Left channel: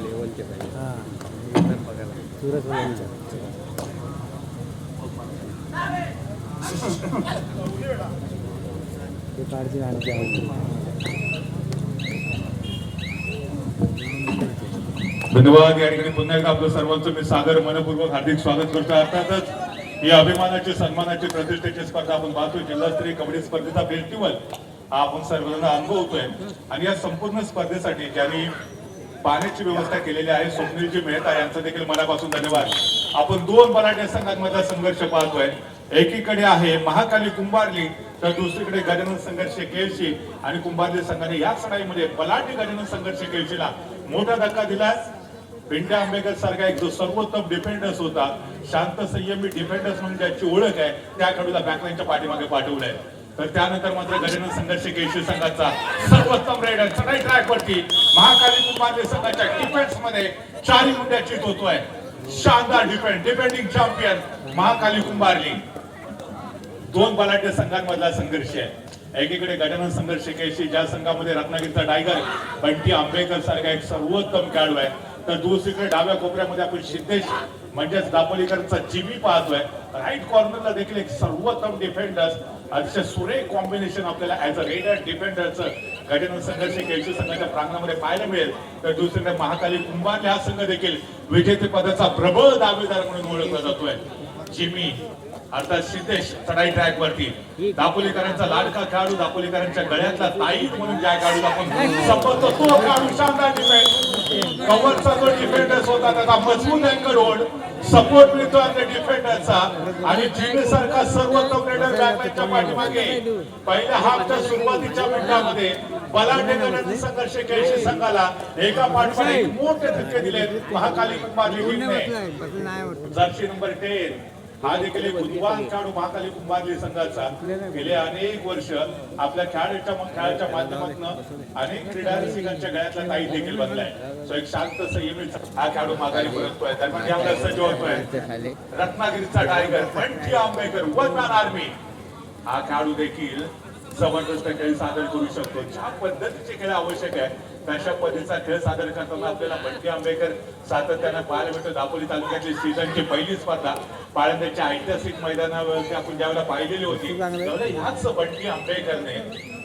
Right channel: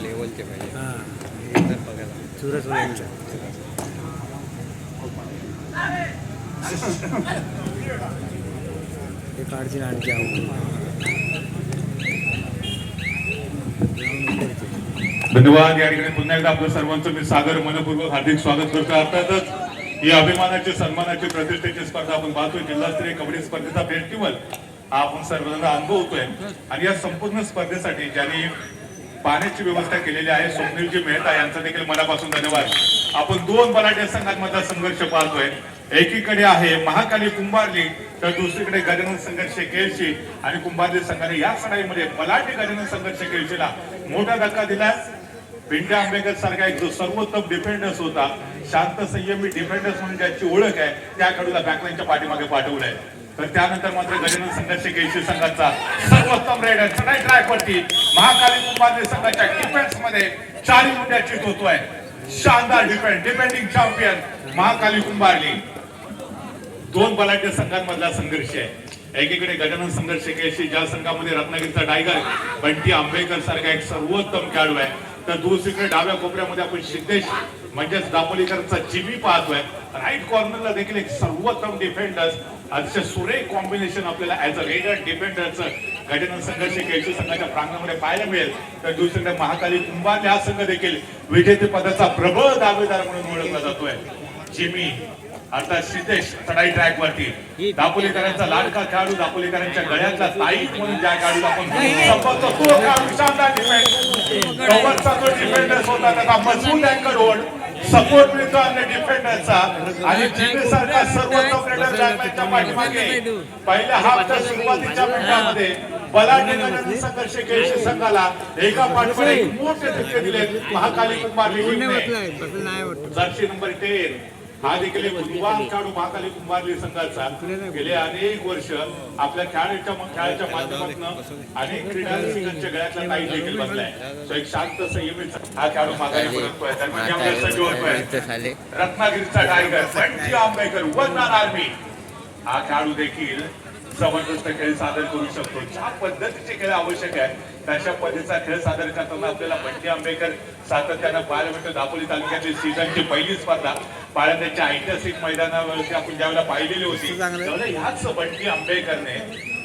लेवलचे पाहिजे सुरत ते काढतील आणखी धन्यवाद. या ठिकाणी पुन्हा एकदा आपलं सर्वांचं मी सादर मनपूर्वक हार्दिक स्वागत करतो. अर्थातच ही अभिमानाची सन्मानाची प्रतिष्ठेची स्पर्धा आपण पाहतोय. जिल्हास्तरीय कबड्डी स्पर्धेचा फेस्टिवल हा आपण सर्वजण अनुभवतोय आणि या संपूर्ण स्पर्धेसाठी ज्यांनी पाण्याची व्यवस्था केलेली आहे स्वप्नीलजी मेहता यांचा देखील मनापासून धन्यवाद. आपण दोन बलाढ्य संघांमधला संघर्ष पाहतोय. एकीकडे आहे महाकाली कुंभारली तर दुसरीकडे गजानन संघर्ष केळशी आणि कुंभारली संघाने या लढाईमध्ये बलाढ्य गजानन संघर्ष केळशीला मोठा धक्का दिला. पिंट्या आंबेकर सारखा एक जो सर्वोत्तम डिफेंडर्स होता, शांत संयमी डिफेंडर्स म्हणून ज्याची ओळख आहे त्या खेळाडूला बॅकलाईनच्या पाठीमागे पाठवलंय. तर त्यानंतर मात्र गजानन संघर्ष केळशी संघाचा सर्वोत्तम रेडर चढाई ट्रॅकवरती महाकाली कुंभारली संघाच्या डिफेन्स मध्ये 4 मुंड्याची होतोय. शानदार डिफेंडिंग चॅम्पियन महाकाली कुंभारली. दोन बलाढ्य संघांमधला संघर्ष आहे. एकीकडे गजानन संघर्ष केळशी ज्या संघामध्ये रत्नागिरीचा टायगर बंटी आंबेकर सारखा एक सर्वोत्तम खेळाडू आहे, तर दुसरीकडे डाव्या कोपऱ्यामध्ये आपण सिद्धेश म्हणजेच दापोलीकरांचा जिमी पाहतोय. राईट कॉर्नरला देखील एक सर्वोत्तम डिफेंडर्स अतिशय सुरेख कॉम्बिनेशन आपल्याला ऍज अ रेडर डिफेंडरचं गजानन संघर्ष केळशी संघाच्या प्रांगणामध्ये पाहायला मिळेल. तर दुसरीकडे महाकाली कुंभारली हा संघ देखील विजेतेपदाचा प्रबळ दावेदार म्हणून ओळखला जातोय. जिमी अर्थात सिद्धेश चढाई ट्रॅक वरती दापोलीकरांचा लाडका खेळाडू, दापोलीकरांच्या गळ्यातला ताईत म्हणून ज्या खेळाडूला आपण संपवतो तो खेळाडू शानदार डिफेंड कव्हरचा जो डिफेंडर्स होता त्याचा मजबूत अँकर होल्ड सपोर्ट मिळतो आणि डिफेंडरचा आणि जिमेसारखा सर्वोत्तम रेडर त्याच्या पाठीमागे पहिल्या हाफच्या सुरुवातीच्या मिनिटांमध्ये बलाढ्य गजानन संघर्ष केळशी संघाला एका पाठोपाठ एक मोठे धक्के दिले. महाकाली कुंभारली जर्सी नंबर 10 हा देखील एक बुद्धिवान खेळाडू महाकाली कुंभारली संघाचा गेले अनेक वर्ष आपल्या खेळाच्या माध्यमातून अनेक क्रीडा रसिकांच्या गळ्यातला ताई देखील बनलाय. एक शांत संयमी हा खेळाडू महाकाली रत्नागिरीचा tiger Bunty Ambekar one man army हा खेळाडू देखील जबरदस्त खेळ सादर करू शकतो. ज्या पद्धतीचे खेळ आवश्यक आहे तशा पद्धतीचा खेळ सादर करताना आपल्याला बंटी आंबेकर सातत्यानं पाहायला मिळतो. दापोली तालुक्यातील सीझनची पहिली स्पर्धा पाळंद्याच्या ऐतिहासिक मैदानावरती आपण ज्यावेळेला पाहिलेली होती त्यावेळेला ह्याच बंटी आंबेकरने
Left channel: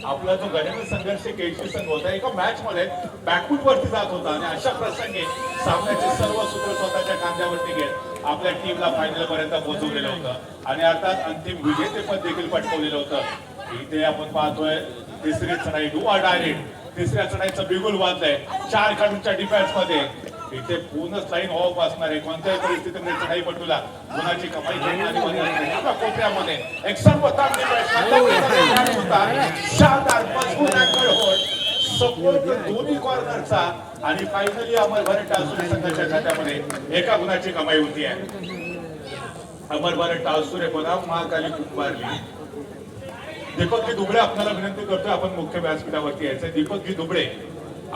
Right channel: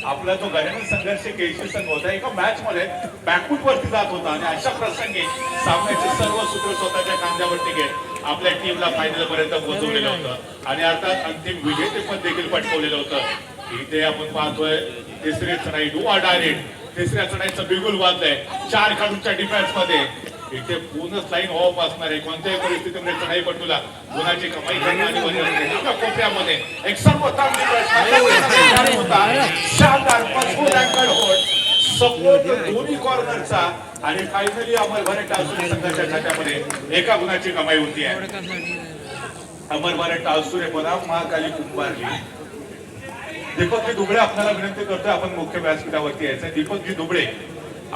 आपला जो गजानन संघर्ष केळशी संघ होता एका मॅच मध्ये बॅकफूट वरती जात होता आणि अशा प्रसंगी सामन्याचे सर्व सूत्र स्वतःच्या खांद्यावरती घेत आपल्या टीमला फायनल पर्यंत पोहोचवलेलं होतं आणि अर्थात अंतिम विजेतेपद देखील पटकवलेलं होतं. इथे आपण पाहतोय तिसरी चढाई डुआ डायरेक्ट तिसऱ्या चढाईचं बिगुल वाजलंय 4 खेळाडूंच्या डिफेन्स मध्ये. इथे पूर्णच लाईन ऑफ असणार आहे. कोणत्याही परिस्थितीमध्ये चढाई पटूला गुणाची कमाई करण्याची कोपऱ्यामध्ये एक सर्वोत्तम शानदार मजबूत अँकर होल्ड सपोर्ट दोन्ही कॉर्नरचा आणि फायनली अमर भरट टासुरे संघाच्या खात्यामध्ये एका गुणाची कमाई होती आहे. अमर भरट टासुरे बनाम महाकाली कुंभारली. दीपकजी दुबळे आपल्याला विनंती करतोय आपण मुख्य व्यासपीठावरती यायचं. दीपकजी दुबळे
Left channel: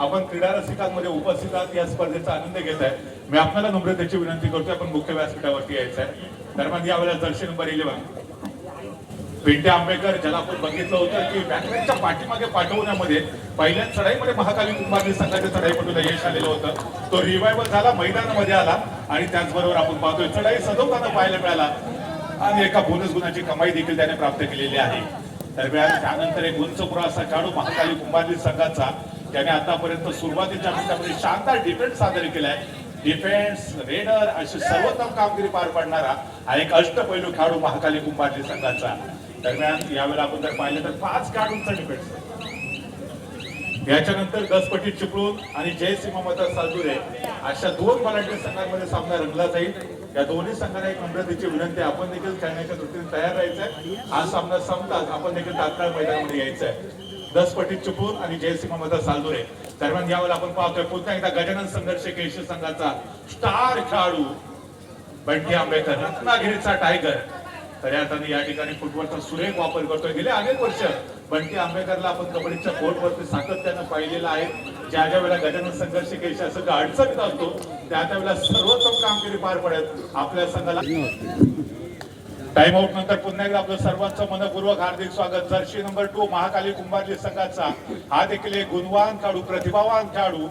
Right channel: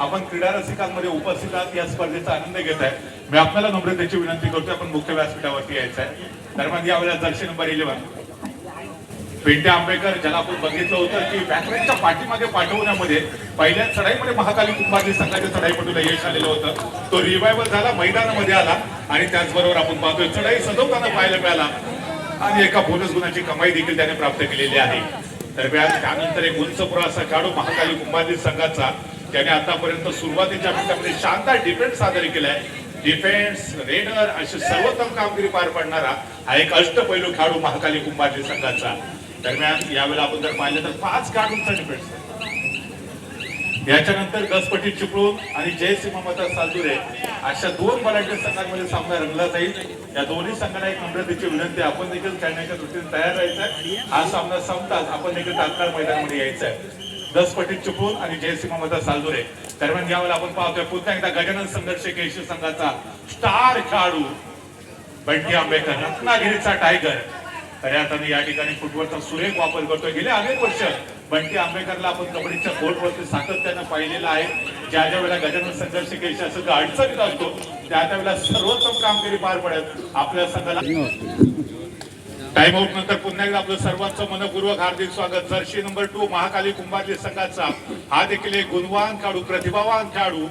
आपण क्रीडा रसिकांमध्ये उपस्थित आहात, या स्पर्धेचा आनंद घेत आहे. मी आपल्याला नम्रतेची विनंती करतोय आपण मुख्य व्यासपीठावरती यायचं आहे. दरम्यान यावेळेला जर्सी नंबर 11 पिंट्या आंबेकर ज्याला आपण बघितलं होतं की बॅकलाईनच्या पाठीमागे पाठवण्यामध्ये पहिल्या चढाईमध्ये महाकाली कुंभारली संघाच्या चढाईपटूला यश आलेलं होतं. तो रिवायवल झाला, मैदानामध्ये आला आणि त्याचबरोबर आपण पाहतोय चढाई सजवताना पाहायला मिळाला आणि एका बोनस गुणाची कमाई देखील त्याने प्राप्त केलेली आहे. दरम्यान त्यानंतर एक उंच असा खेळाडू महाकाली कुंभारली संघाचा त्याने आतापर्यंत सुरुवातीच्या मिनिटांमध्ये शानदार डिफेन्स सादर केलाय. डिफेन्स रेडर अशी सर्वोत्तम कामगिरी पार पाडणारा हा एक अष्टपैलू खेळाडू महाकाली कुंभारली संघाचा. दरम्यान यावेळेला आपण जर पाहिलं तर 5 खेळाडूंचा डिफेन्स. याच्यानंतर गसपटी चिपळूण आणि जयसिंह मतदार सालुरे अशा 2 बलाढ्य संघांमध्ये सामना रंगला जाईल. या दोन्ही संघांना एक नम्रतेची विनंती आपण देखील खेळण्याच्या दृष्टीने तयार राहायचंय. हा सामना संपताच आपण देखील तात्काळ मैदानामध्ये यायचंय. गसपटी चिपळूण आणि जयसिंह मतदार सालुरे. दरम्यान यावेळेला आपण पाहतोय पुन्हा एकदा गजानन संघर्ष केळशी संघाचा स्टार खेळाडू बंटी आंबेकर रत्नागिरीचा टायगर खऱ्या अर्थाने या ठिकाणी फुटबॉलचा सुरेख वापर करतोय. गेले अनेक वर्ष बंटी आंबेकरला आपण कबड्डीच्या कोर्टवरती सातत्यानं पाहिलेलं आहे. ज्या ज्या वेळेला गजानन संघर्ष केळशी असं अडचणीत असतो त्या त्यावेळेला सर्वोत्तम कामगिरी पार पडत आपल्या संघाला टाइम आउट नंतर पुन्हा एकदा आपलं सर्वांचं मनपूर्वक हार्दिक स्वागत. जर्सी नंबर 2 महाकाली कुंभारली संघाचा हा देखील एक गुणवान खेळाडू, प्रतिभावान खेळाडू.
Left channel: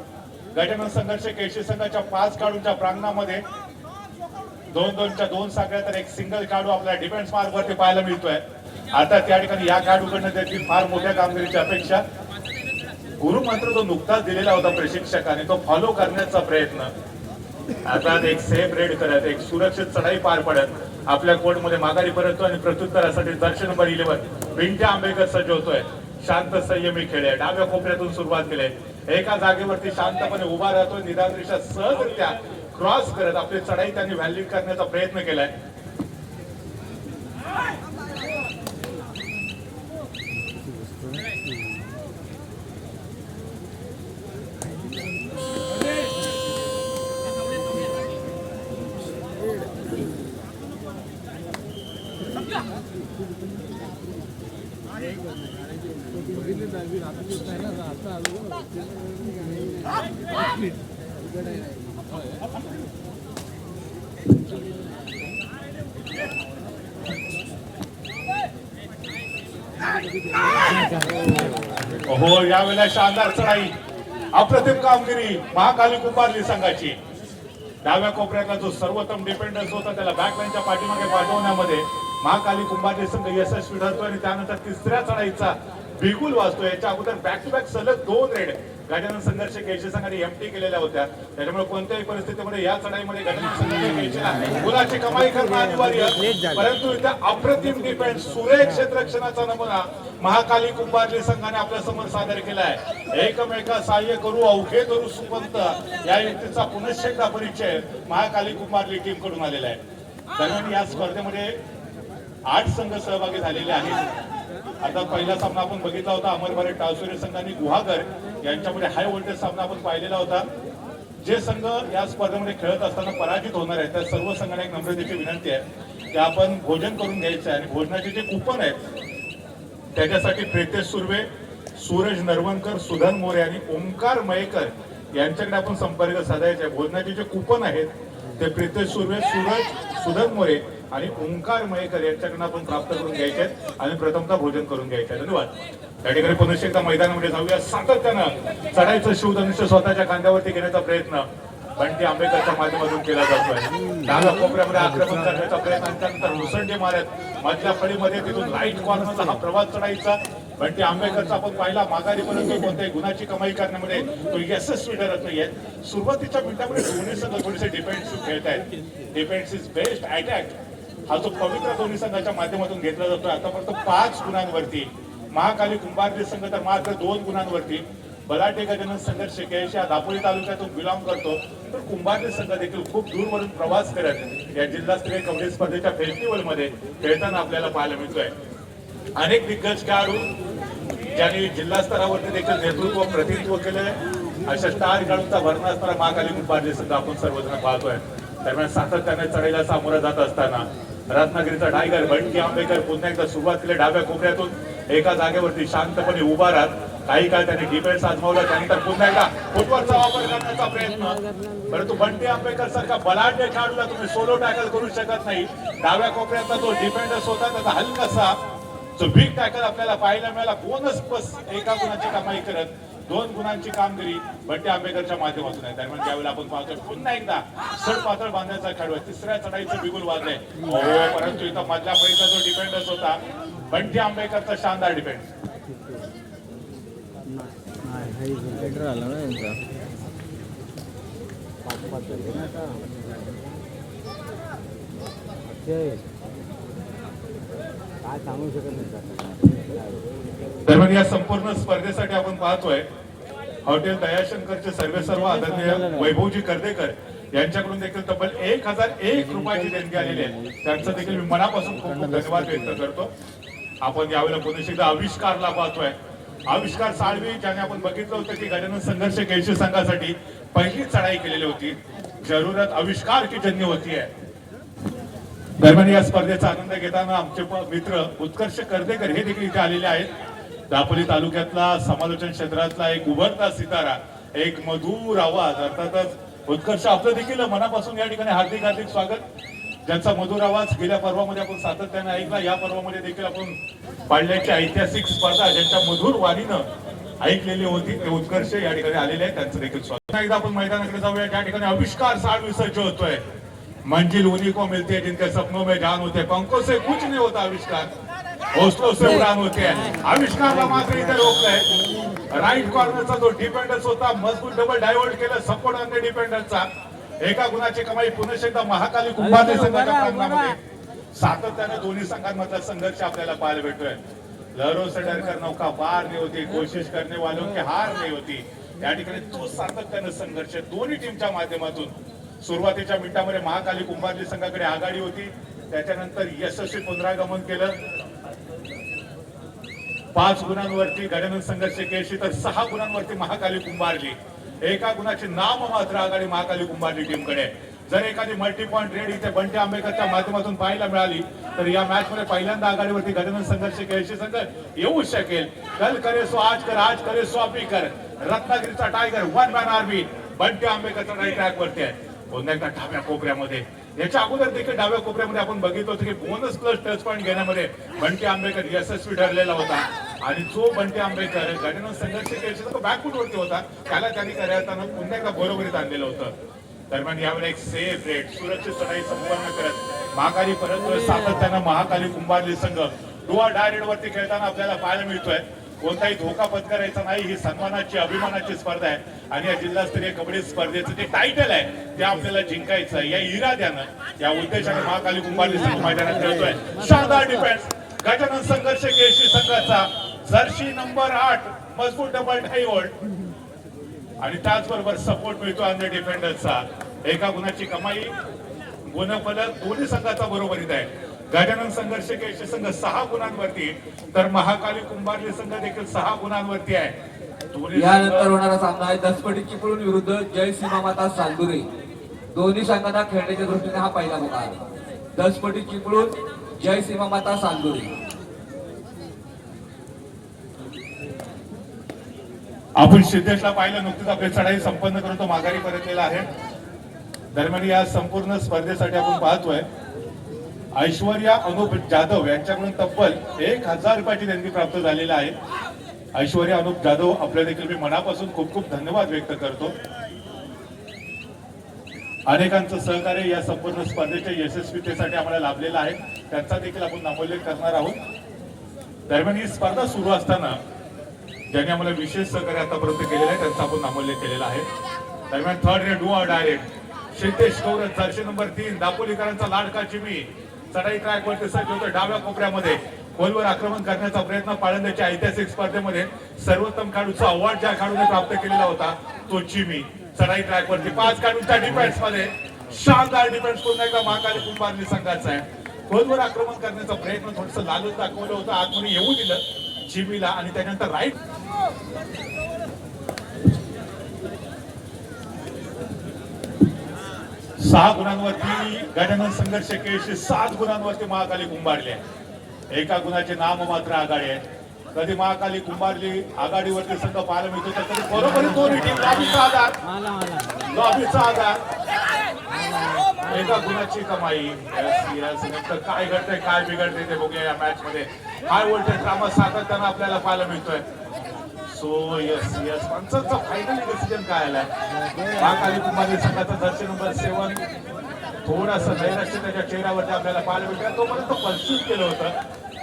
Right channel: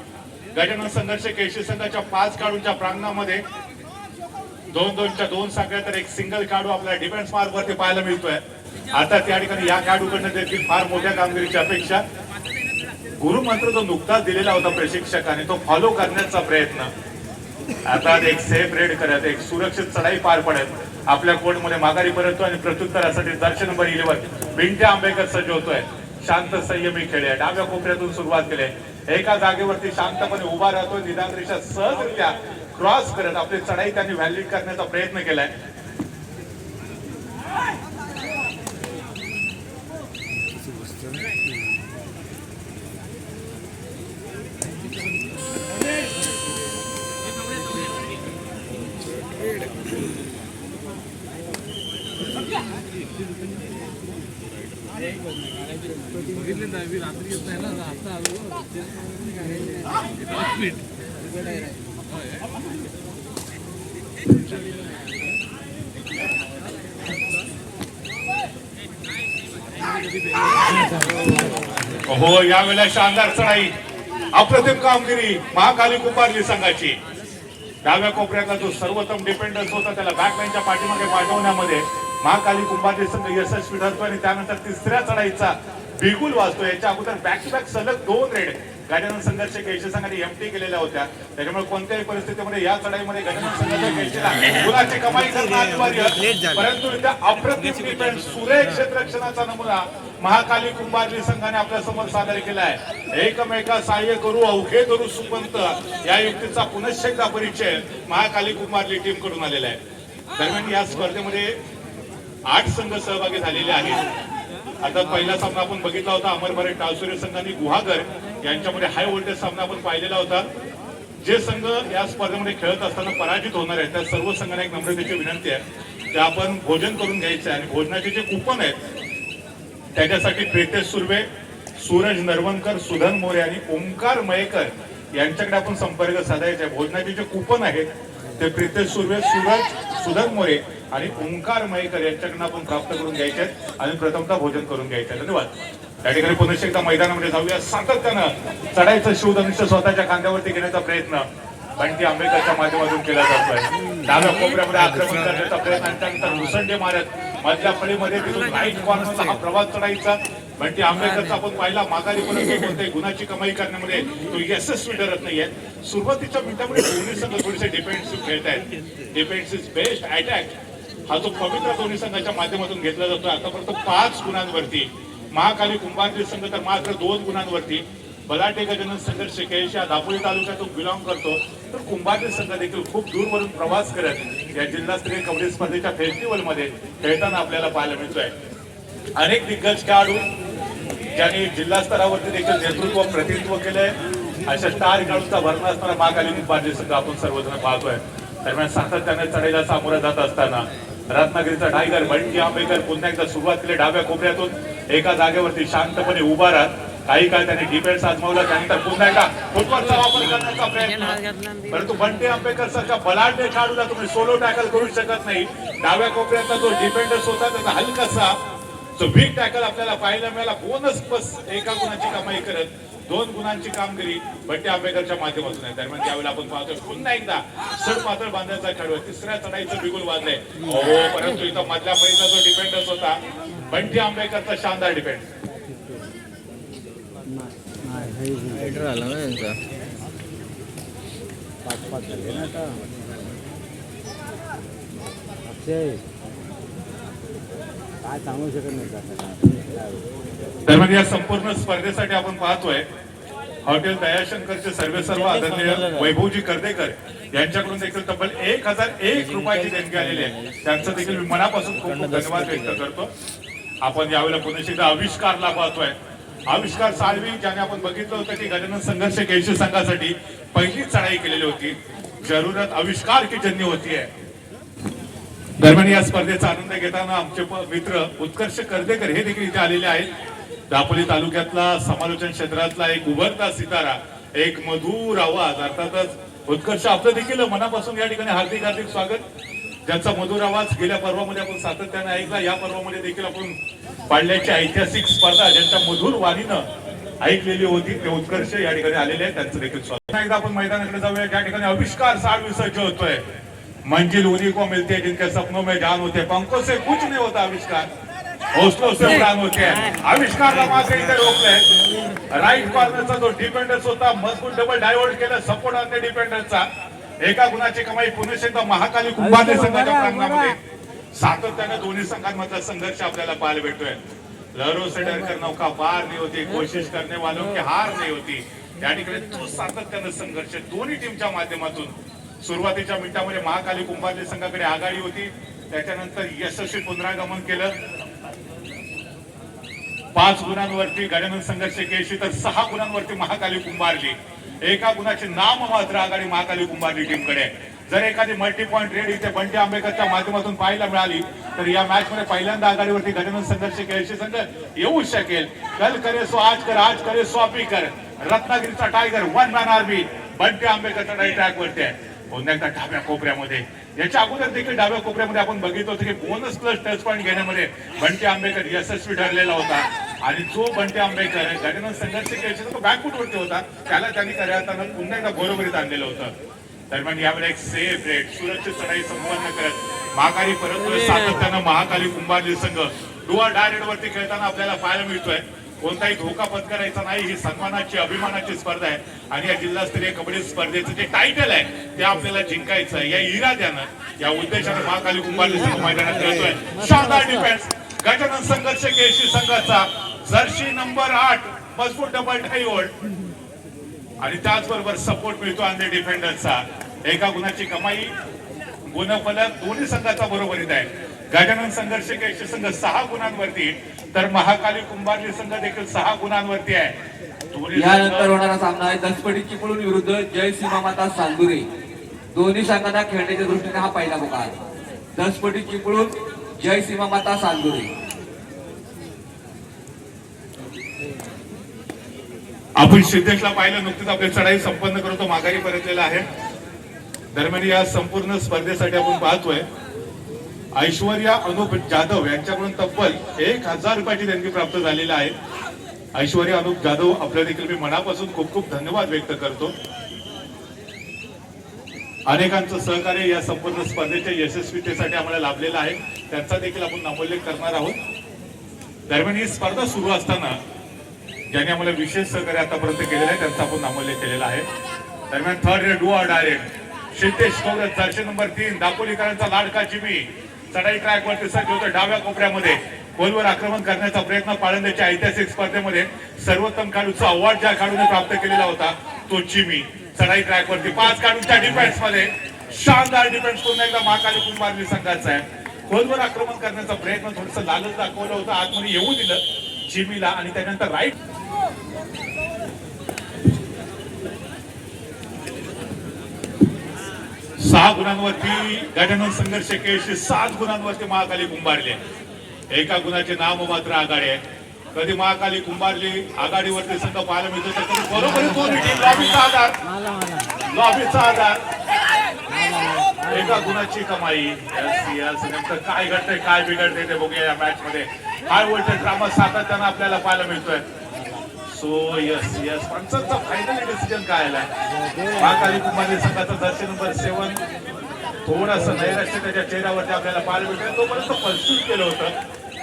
गजानन संघर्ष केळशी संघाच्या 5 खेळाडूंच्या प्रांगणामध्ये 2-2च्या 2 साखळ्या तर एक सिंगल खेळाडू आपल्याला डिफेन्स मार्क वरती पाहायला मिळतोय. आता त्या ठिकाणी या खेळाडूकडनं देखील फार मोठ्या कामगिरीची अपेक्षा. गुरुमंत्र जो नुकताच दिलेला होता प्रशिक्षकाने तो फॉलो करण्याचा प्रयत्न. आता एक सेफ रेड करत, एक सुरक्षित चढाई पार पडत आपल्या कोर्टमध्ये माघारी परततो आणि प्रत्युत्तरासाठी जर्सी नंबर 11 बिंटे आंबेकर सज्ज होतोय. शांत संयमी खेळ आहे. डाव्या कोपऱ्यातून सुरुवात केली. एका जागेवरती शांतपणे उभा राहतोय. निदानरित्या सहजरित्या क्रॉस करत आपली चढाई त्यांनी व्हॅलिड करण्याचा प्रयत्न केलाय. हो, यावेळेला शानदार चढाई, अप्रतिम कामगिरी महाकाली कुंभारली संघाची. डाव्या कोपऱ्यातला जो सर्वोत्तम डिपेंडन्स होता त्याला बॅकलाईनच्या पाठीमागे पाठवण्यामध्ये महाकाली कुंभारली संघ यशस्वी ठरतो आणि त्यानंतर तिसऱ्या चढाईचा बिगुल वाजतो. याच्या अगोदर बॅक टू बॅक सलग 2 रेड गजानन संघर्ष केळशी संघाने एमटी केलेल्या होत्या. त्यामुळे कोणत्याही परिस्थितीमध्ये या चढाईमध्ये गजानन संघर्ष केळशीला गुणाची कमाई करणं अनिवार्य. परंतु इथे अप्रतिम डिफेन्स, सुरेख क्षेत्ररक्षणाचा नमुना महाकाली कुंभारली संघाने आपल्या समोर सादर केला आहे. एकमेका सहाय्य करू अवघे करू सुपंत या युक्तीचा पुनश्च एकदा परिचय महाकाली कुंभारली टीम कडून आलेला आहे. दरम्यान या स्पर्धेमध्ये 8 संघ सहभागी झालेले आहेत. आता पहिला सामना आपण बघितला होता अमरभरे टावसुरे संघाने गुहागर यांच्यामध्ये हाय व्होल्टेज सामना आपण पाहिलेला होता. जे संघ या स्पर्धेमध्ये खेळत असताना पराजित होणार आहेत त्या सर्व संघांना एक नम्रतेची विनंती आहे की आपण भोजन करून घ्यायचं आहे आणि भोजनाचे जे कुपन आहेत त्याच्यासाठी प्रीतेश सुर्वे, सूरज नरवणकर, सुधन मोरे आणि ओंकार मयेकर यांच्याकडे आपण संपर्क साधायचा आहे. भोजनाचे जे कुपन आहेत ते प्रीतेश सुर्वे, सूरज, सुधन मोरे आणि ओंकार मयेकर यांच्याकडून आपण प्राप्त करून घ्यायचे आहेत आणि प्रथमतः भोजन करून घ्यायचे. धन्यवाद. त्या ठिकाणी पुन्हा एकदा मैदानामध्ये जाऊया. सातत्यानं चढाईचं शिवधनुष्य स्वतःच्या खांद्यावरती घेण्याचा प्रयत्न बंटी आंबेकरच्या माध्यमातून केला जातोय. डाव्या कोपऱ्यामध्ये आक्रमण करण्याचा प्रयत्न, त्यानंतर मुसंडे मारत मधल्या फळीमध्ये तिथून राईट कॉर्नरचा हा प्रवास चढाईचा बंटी आंबेकरचा आपण पाहिला. माघारी पर्यंत कोणत्याही गुणाची कमाई करण्यामध्ये तो यशस्वी ठरत नाहीये. सुरुवातीच्या मिनिटामध्ये दोन्ही संघ थोडेसे डिफेन्सिव्ह खेळत आहेत. डिफेन्स इज बेस्ट अटॅक हा जो पवित्र दोन्ही संघाच्या माध्यमातून घेतला जातो. आतापर्यंत 5 गुणांवरती महाकाली कुंभारली संघ तर मात्र 2 गुणांवरती. बलाटे गजानन संघर्ष केळशी हा दापोली तालुक्यातून बिलॉंग करतो. तर कुंभारली संघ देखील खूप दूरवरून प्रवास करत या जिल्हास्तरीय कबड्डी स्पर्धेच्या फेस्टिवल मध्ये खेळताना आपल्याला पाहायला मिळतोय. अनेक दिग्गज खेळाडू ज्यांनी जिल्हा स्तरावरती देखील नेतृत्व प्रतिनिधित्व केलंय अशा स्टार खेळाडूंचा भरणा असणारा महाकाली कुंभारली संघ आपण सर्वजण पाहतोय. दरम्यान सातत्याने चढाईला सामोरं जात असताना रत्नागिरीचा टायगर बंटी आंबेकर पुन्हा एकदा सुरुवात केली. डाव्या कोपऱ्यातून एका जागेवरती शांतपणे उभा राहत काही काळ त्यांनी डिफेन्स आजमावला. त्यानंतर पुन्हा एकदा फुटबॉलचा वापर करण्याचा प्रयत्न. परंतु बंटी आंबेकर सारख्या बलाढ्य खेळाडूला तुम्ही सोलो टॅकल करू शकत नाही. डाव्या कोपऱ्यातला जो डिफेंडर्स होता त्याचा हलकासा जो बिग टॅकल आपल्याला पाहायला मिळाला. बोनस प्लस एका गुणाची कमाई करत 2 गुणांची कामगिरी बंटी आंबेकरच्या माध्यमातून आहे. दरम्यान त्यावेळेला आपण पाहतोय पुन्हा एकदा सड पातळ बांधण्याचा खेळाडू तिसऱ्या चढाईचं बिगुल वाजलंय. परंतु इथं मधल्या फळीचा जो डिफेंडर्स होता बंटी आंबेकरचा शानदार डिफेन्स. आला ना यांचा काय सांगू शकत नाही. दरम्यान या संपूर्ण स्पर्धेसाठी आपण पाहतोय हॉटेल दयाशंकरचे सर्व आदरणीय वैभवजी कर्देकर यांच्याकडून देखील तब्बल 1001 रुपयाची देणगी आलेली आहे. त्यांचं देखील मी मनापासून खूप धन्यवाद व्यक्त करतो. आपण यावेळेला पुन्हा एकदा आविष्कारला पाहतोय. आविष्कार साळवी ज्याने आपण बघितलं होतं की गजानन संघर्ष केळशी संघासाठी पहिली चढाई केलेली होती. जरूरत आविष्कार की जन्य होती आहे. दरम्यान या स्पर्धेचा आनंद घेताना आमचे मित्र उत्कर्ष कर्देकर हे देखील इथे आलेले आहेत. दापोली तालुक्यातला समालोचन क्षेत्रातला एक उभरता सितारा, एक मधुर आवाज. अर्थातच उत्कर्ष आपलं देखील मनापासून या ठिकाणी हार्दिक स्वागत. ज्यांचा मधुर आवाज गेल्या पर्वामध्ये आपण सातत्याने ऐकला, या पर्वामध्ये देखील आपण पाळण्याची ऐतिहासिक स्पर्धा ज्यांच्या मधुर वाणीनं ऐकलेली होती ते उत्कर्ष या ठिकाणी आलेले आहेत, त्यांचं देखील स्वागत. एकदा आपण मैदानाकडे जाऊया ज्या ठिकाणी आविष्कार 60 विसर्ज होतोय. मंजिल उन्हीं को मिलती है जिनके सपनों में जान होते, पंखों से कुछ नहीं होता आविष्कार, उसको से उड़ान होते हैं. आविष्कारला मात्र इथे रोखलंय. राईट कॉर्नरचा जो डिपेंडन्स होता मजबूत डबल डायव्हर्ट केलं सपोर्ट ऑन द डिपेंडन्सचा. एका गुणाची कमाई पुनश्च महाकाली कुंभारले संघाच्या प्रांगणामध्ये सातत्यानं दोन्ही संघांमधला संघर्ष आपल्याला पाहायला भेटतोय. लहरों से डरकर नौका पार नहीं होती, कोशिश करने वालों की हार नहीं होती. या ठिकाणी तो सातत्यानं संघर्ष दोन्ही टीमच्या माध्यमातून. सुरुवातीच्या मिनिटांमध्ये महाकाली कुंभारली संघाकडे आघाडी होती, त्याच्यानंतर यशस्वी पुनरागमन केलं. 5 गुणांवरती गजानन संघर्ष केशी तर 6 गुणांवरती महाकाली कुंभारली. एका गुणाची नाम मात्र आघाडी महाकाली कुंभारली टीमकडे. जर एखादी मल्टी पॉइंट रेड इथे बंटी आंबेकरच्या माध्यमातून पाहायला मिळाली तर या मॅच मध्ये पहिल्यांदा आघाडीवरती गजानन संघर्ष केळशी संघ येऊ शकेल. कल करे सो आज कर, आज करे सो अभी कर. रत्नागिरीचा tiger one man army Bunty आंबेकरच्या राईट ट्रॅक वरती आहे. पुन्हा एकदा डाव्या कोपऱ्यामध्ये, याच्या अगोदर देखील डाव्या कोपऱ्यामध्ये आपण बघितलं होतं की बोनस प्लस टच पॉईंट घेण्यामध्ये बंटी आंबेकर यशस्वी ठरलेला होता. आणि जो बंटी आंबेकर गजानन संघर्ष केळशीचा तो बॅकफूट वरती होता, त्याला त्यांनी करताना पुन्हा एकदा बरोबरीत आणलेलं होतं. दरम्यान यावर एक सेफ रेट सुरक्षित चढाई संपन्न करत महाकाली परत सातत्यानं महाकाली कुंभारली संघ डुआ डायरेक्ट वरती खेळताना आपल्याला पाहायला मिळतोय. कोणताही धोका पत्करायचा नाही, ही सन्मानाची अभिमानाची स्पर्धा आहे. आणि या जिल्हास्तरीय कबड्डी स्पर्धेचं जे टायटल आहे ते आपल्याला जिंकायचं या इराद्यानं या उद्देशाने महाकाली कुंभारली संघ मैदानात खेळतोय. शानदार डिफेन्स गजानन संघर्ष केळशी संघाचा जर्सी नंबर 8 मजबूत डबल डायव्हर्ट आणि त्याचबरोबर सपोर्ट मिळतो आणि डिफेंडरचा. एका गुणाची कमाई गुणफलक दोन्ही संघाचा बरोबरीत आहे. गजानन संघर्ष केळशी संघ 6 गुणांवरती तर महाकाली कुंभारली संघ देखील 6 गुणांवरती आहे. यानंतर होणारा सामना आहे दसपटी चिपळूण विरुद्ध जय सीमामाता चांदुरे. दोन्ही संघांना खेळण्याच्या दृष्टीने हा पहिला मुकाबला आहे. दसपटी चिपळूण जय सीमामाता चांदुरे. आपण सिद्धेशला पाहिलं, नुकतीच आपली चढाई संपन्न करून तो माघारी परतलेला आहे. दरम्यान या संपूर्ण स्पर्धेसाठी आपण पाहतोय ऐश्वर्या अनुप जाधव यांच्याकडून तब्बल 1000 रुपयाची देणगी प्राप्त झालेली आहे. ऐश्वर्या अनुप जाधव आपल्या देखील मी मनापासून खूप खूप धन्यवाद व्यक्त करतो. अनेकांचं सहकार्य या संपूर्ण स्पर्धेच्या यशस्वीतेसाठी आम्हाला लाभलेलं आहे, त्यांचा देखील आपण नामोल्लेख करणार आहोत. दरम्यान ही स्पर्धा सुरू असताना ज्यांनी आम्हाला विशेष सहकार्य आतापर्यंत केलेलं आहे त्यांचा आपण नामोल्लेख केलेला आहे. दरम्यान third red डुआ direct Siddhesh कवरत Jersey number 3 दापोलीकरांचा लाडका चिमी चढाई ट्रॅक वरती सज्ज होतं. डाव्या कोपऱ्यामध्ये गोलवर आक्रमण करण्याचा प्रयत्न पाळंद्याच्या ऐतिहासिक स्पर्धेमध्ये सर्वोत्तम खेळाडूचा अवॉर्ड ज्या खेळाडूने प्राप्त केलेला होता तो चिमी चढाई ट्रॅक वरती 5 खेळाडूंच्या डिफेन्स मध्ये शानदार डिफेन्स पुन्हा एकदा महाकाली कुंभारली संघाचा आहे. गोलवर आक्रमण करण्याचा प्रयत्न थोडंसं लालच दाखवलं होतं, आतमध्ये येऊ दिलं चिमीला आणि त्यानंतर राईट 6 गुणांवरती गजानन संघर्ष केळशी 7 गुणांवरती महाकाली कुंभारली आहे. एका गुणाचे नाम मात्र आघाडी आहे. कधी महाकाली कुंभारली आघाडीवरती संघ पाहायला मिळतो तर कधी बरोबर दोन्ही टीम लॉबीचा आधार एका गुणाची कमाई. नेमकं काय घडतंय काय बिघडतंय ते बघूया या मॅच मध्ये. काय बोलतोय ड्रामा सातत्यानं आपल्याला पाहायला मिळतोय. सो यस पंचांचा फायनल डिसिजन काय आलाय. महाकाली कुंभारली संघाचा जर्सी नंबर 7 थोडंसं नैराश्य त्याच्या चेहऱ्यावरती आपल्याला पाहायला मिळतं. तोपर्यंत कन्फ्यूज केलं होतं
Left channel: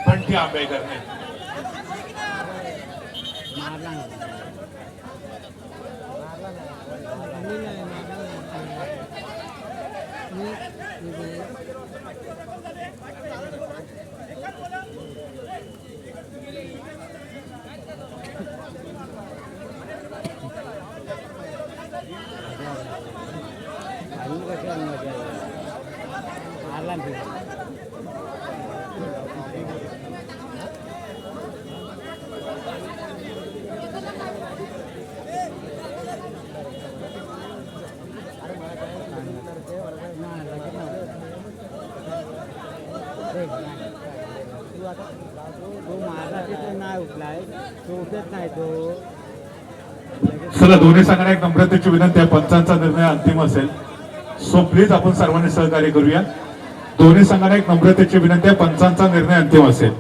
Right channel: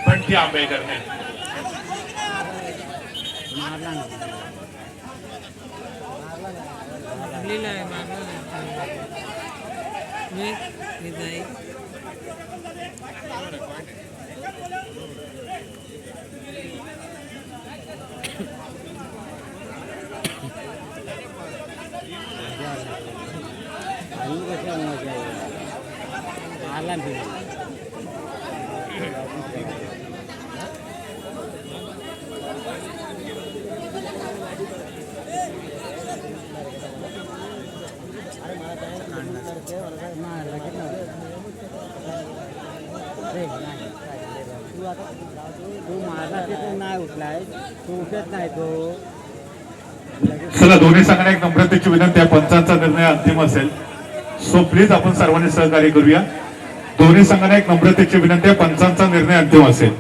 बंटी आंबेकरने. चला दोन्ही संघांना एक नम्रतेची विनंती आहे, पंचांचा निर्णय अंतिम असेल. सो प्लीज आपण सर्वांनी सहकार्य करूया. दोन्ही संघांना एक नम्रतेची विनंती आहे, पंचांचा निर्णय अंतिम असेल.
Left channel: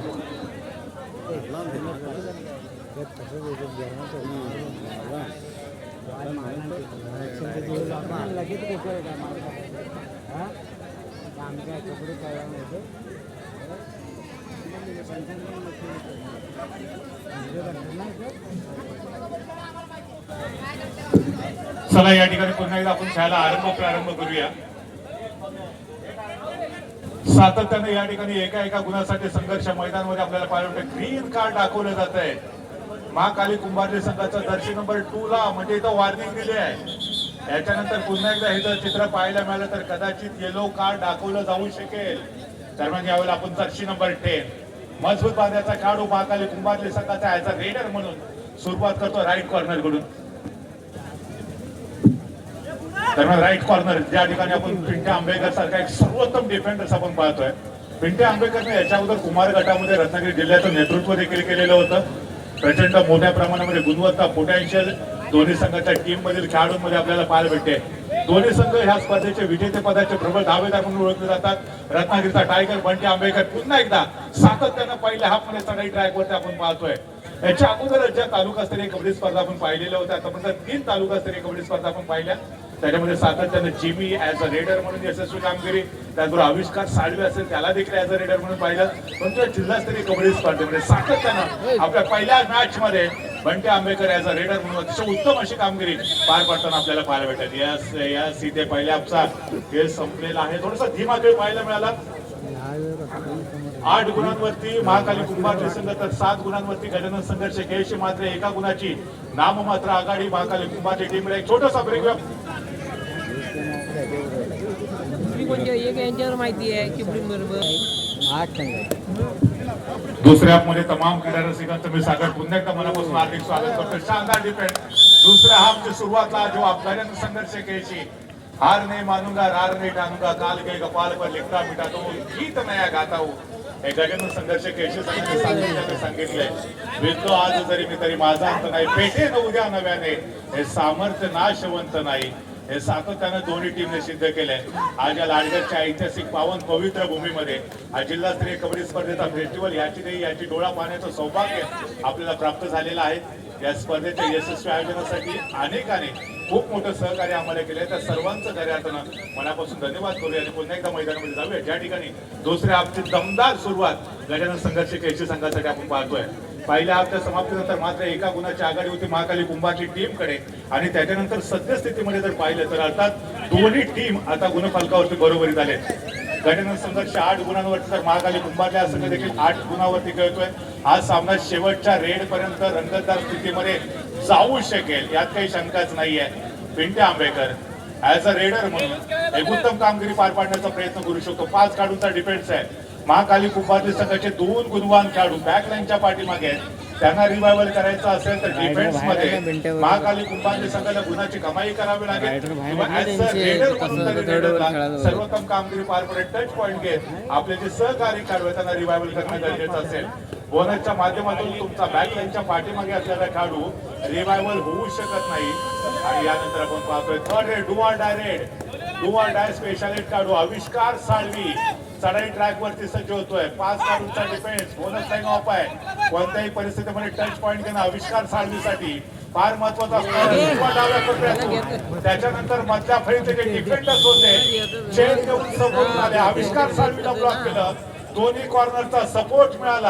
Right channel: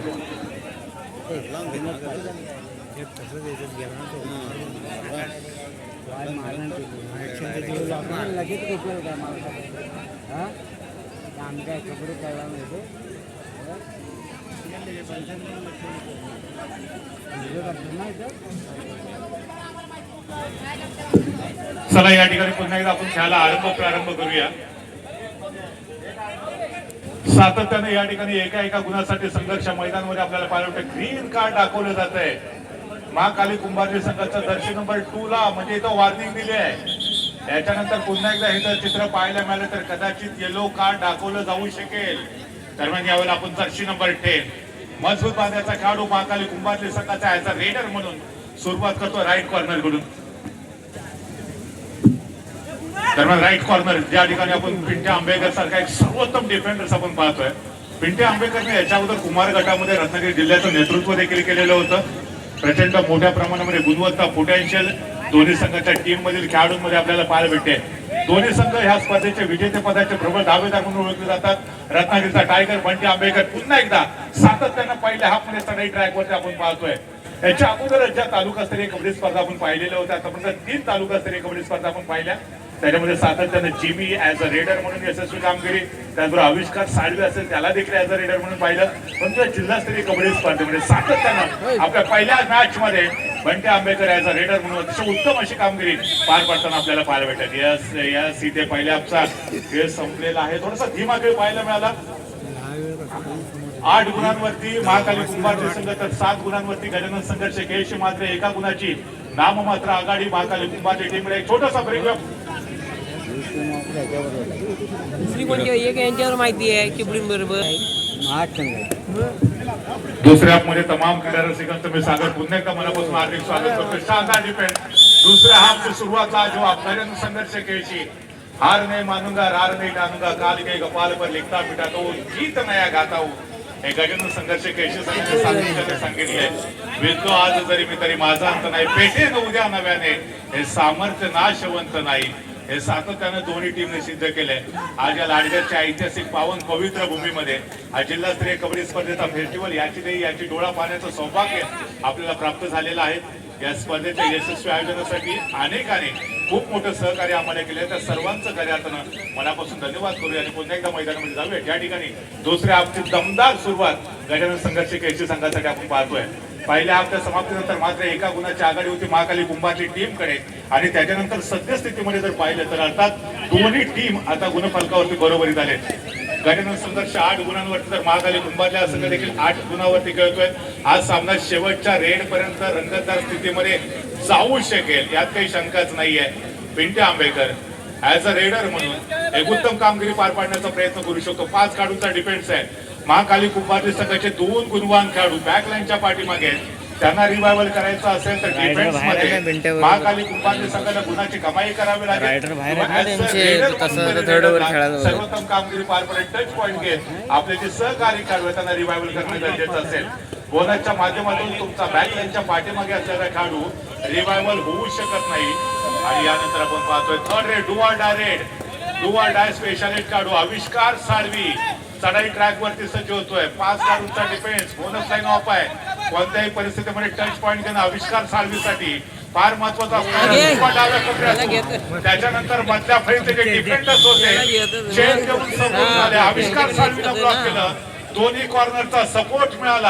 चला या ठिकाणी पुन्हा एकदा आपण खेळायला प्रारंभ करूया. सातत्याने या ठिकाणी एका गुणासाठी संघर्ष मैदानामध्ये आपल्याला पाहायला मिळतं. ग्रीन कार्ड दाखवलं जात आहे महाकाली कुंभारली संघाचा दर्शक नंबर 2 ला, म्हणजे इथं वॉर्निंग दिली आहे. याच्यानंतर पुन्हा एकदा हे जर चित्र पाहायला मिळालं तर कदाचित येलो कार्ड दाखवलं जाऊ शकेल. दरम्यान यावेळेला आपण जर्सी नंबर 10 मजबूत बांधण्याचा खेळाडू महाकाली कुंभारली संघाचा ऍज अ रेडर म्हणून सुरुवात करतो राईट कॉर्नर कडून. दरम्यान राईट कॉर्नर ज्या ठिकाणी आपण पिंट्या आंबेकर सारखा एक सर्वोत्तम डिफेंडर्स आपण पाहतोय. पिंट्या आंबेकरने याच्या अगोदर कुमार गटामध्ये रत्नागिरी जिल्ह्याचं नेतृत्व देखील केलेलं होतं. प्रचंड मोठ्या प्रमाणामध्ये गुणवत्ता पोटेन्शियल दोन्ही संघाच्या टीम मधील खेळाडूंमध्ये आपल्याला पाहायला भेटते. दोन्ही संघ ह्या स्पर्धेचे विजेतेपदाचे प्रबळ दावेदार म्हणून ओळखले जातात. रत्नागिरीचा टायगर बंटी आंबेकर पुन्हा एकदा सातत्यानं पहिल्या हाफमध्ये चढाई ट्रॅकवरती आपण पाहतोय. याच्या अगोदर ज्या तालुकास्तरीय कबड्डी स्पर्धा आपण पाहिलेल्या होत्या, आतापर्यंत 3 तालुकास्तरीय कबड्डी स्पर्धा आपण पाहिल्या. त्याच्यामध्ये सातत्याने जिमी ऍज अ रेडर म्हणून यशस्वी कामगिरी, त्याचबरोबर आविष्कार साळवे असेल त्याला देखील ऍज अ रेडर म्हणून पाहिलं. पण त्या जिल्हास्तरीय कबड्डी स्पर्धेमध्ये सातत्यानं आपल्या पहिल्या मॅच मध्ये Bunty Ambekar as a raider म्हणून अतिशय उत्तम अशी कामगिरी पार पाडताना आपल्याला पाहायला भेटत. यस इथे पहिल्या आपचा खेळ संपलेला आहे. थोडासा धीमा खेळ पाहायला मिळाला. 8 गुणांवरती महाकाली कुंभारली संघ तर 7 गुणांवरती गजानन संघर्ष केळशी मात्र 1 गुणाची नाममात्र आघाडी महाकाली कुंभारची टीमकडे. एक छोटासा ब्रेक. माहिती आहे की बरोबर दुसऱ्या हाफमध्ये तमाम क्रीडा रसिकांचं मी सागर पुन्हा एकदा मनापासून हार्दिक स्वागत करतो. शानदार डिफेंस. दुसऱ्या हाफची सुरुवातला जो गजानन संघर्ष केळशी हार नहीं मानूंगा हार नहीं टानूंगा काल के कपाल पर लिखता मिटाता हूँ जीत नया गाता हूँ हे गजानन संघर्ष केळशी संघाने सांगितले. विजतो आज जरी मी तरी माझा अंत नाही, पेटे न उद्या नव्याने हे सामर्थ्य नाशवंत नाही. हे सातत्यानं दोन्ही टीमने सिद्ध केलंय. आज या लाडगडच्या ऐतिहासिक पावन पवित्र भूमीमध्ये हा जिल्हास्तरीय कबड्डी स्पर्धेचा फेस्टिवल याची डोळा पाहण्याचं सौभाग्य आपल्याला प्राप्त झालेलं आहे. या स्पर्धेच्या यशस्वी आयोजनासाठी अनेकाने खूप मोठं सहकार्य आम्हाला केले. त्या सर्वांचं कार्यातनं मनापासून धन्यवाद करूया आणि पुन्हा एकदा मैदानामध्ये जाऊया. ज्या ठिकाणी दुसऱ्या हाफची दमदार सुरुवात गजानन संघर्ष केळशी संघासाठी आपण पाहतोय. पहिल्या हाफच्या समाप्तीनंतर मात्र 1 गुणाची आघाडी होती महाकाली कुंभारली टीमकडे आणि त्याच्यानंतर सद्यस्थितीमध्ये जर पाहिलं तर अर्थात दोन्ही टीम आता गुणफलकावरती बरोबरीत आले. गजानन संघर्ष 8 गुणांवरती तर महाकाली कुंभारला संघ देखील 8 गुणांवरती खेळतोय. आज सामना शेवटच्या रेड पर्यंत रंगतदार स्थितीमध्ये जाऊ शकेल यात काही शंकाच नाहीये. Pintya Ambekar as a raider म्हणून एक उत्तम कामगिरी पार पाडण्याचा प्रयत्न करू शकतो. 5 खेळाडूंचा डिफेन्स आहे. महाकाली कुंभारली संघाचे 2 गुणवान खेळाडू बॅकलाईनच्या पाठीमागे त्यांना रिवायवल करायचं असेल तर डिफेन्स मध्ये महाकाली कुंभारली संघाला गुणाची कमाई करावी लागेल. सर्वोत्तम कामगिरी पार पडेल. टच पॉईंट घेत आपले जे सहकारी खेळाडू त्यांना रिवायवल करणं गरजेचं असेल. बोनसच्या माध्यमातून तुमचा बॅकलाईनच्या पाठीमागे असलेला खेळाडू रिवायवल होऊ शकत नाही. आणि यानंतर आपण पाहतोय third red do or die specialist खेळाडू आविष्कार साळवी चढाई ट्रॅक वरती सज्ज होतोय. 5 खेळाडूंचा डिफेन्स बोनस लाईन ऑफ आहे. कोणत्याही परिस्थितीमध्ये टच पॉईंट देणं आविष्कार साळवीसाठी फार महत्वाचा असतो. त्याच्यानंतर मधल्या फळीचे जे डिफेंडर्स होते चेन घेऊन समोर झाले. आविष्कार साळवीला ब्लॉक केलं. दोन्ही कॉर्नरचा सपोर्ट मिळाला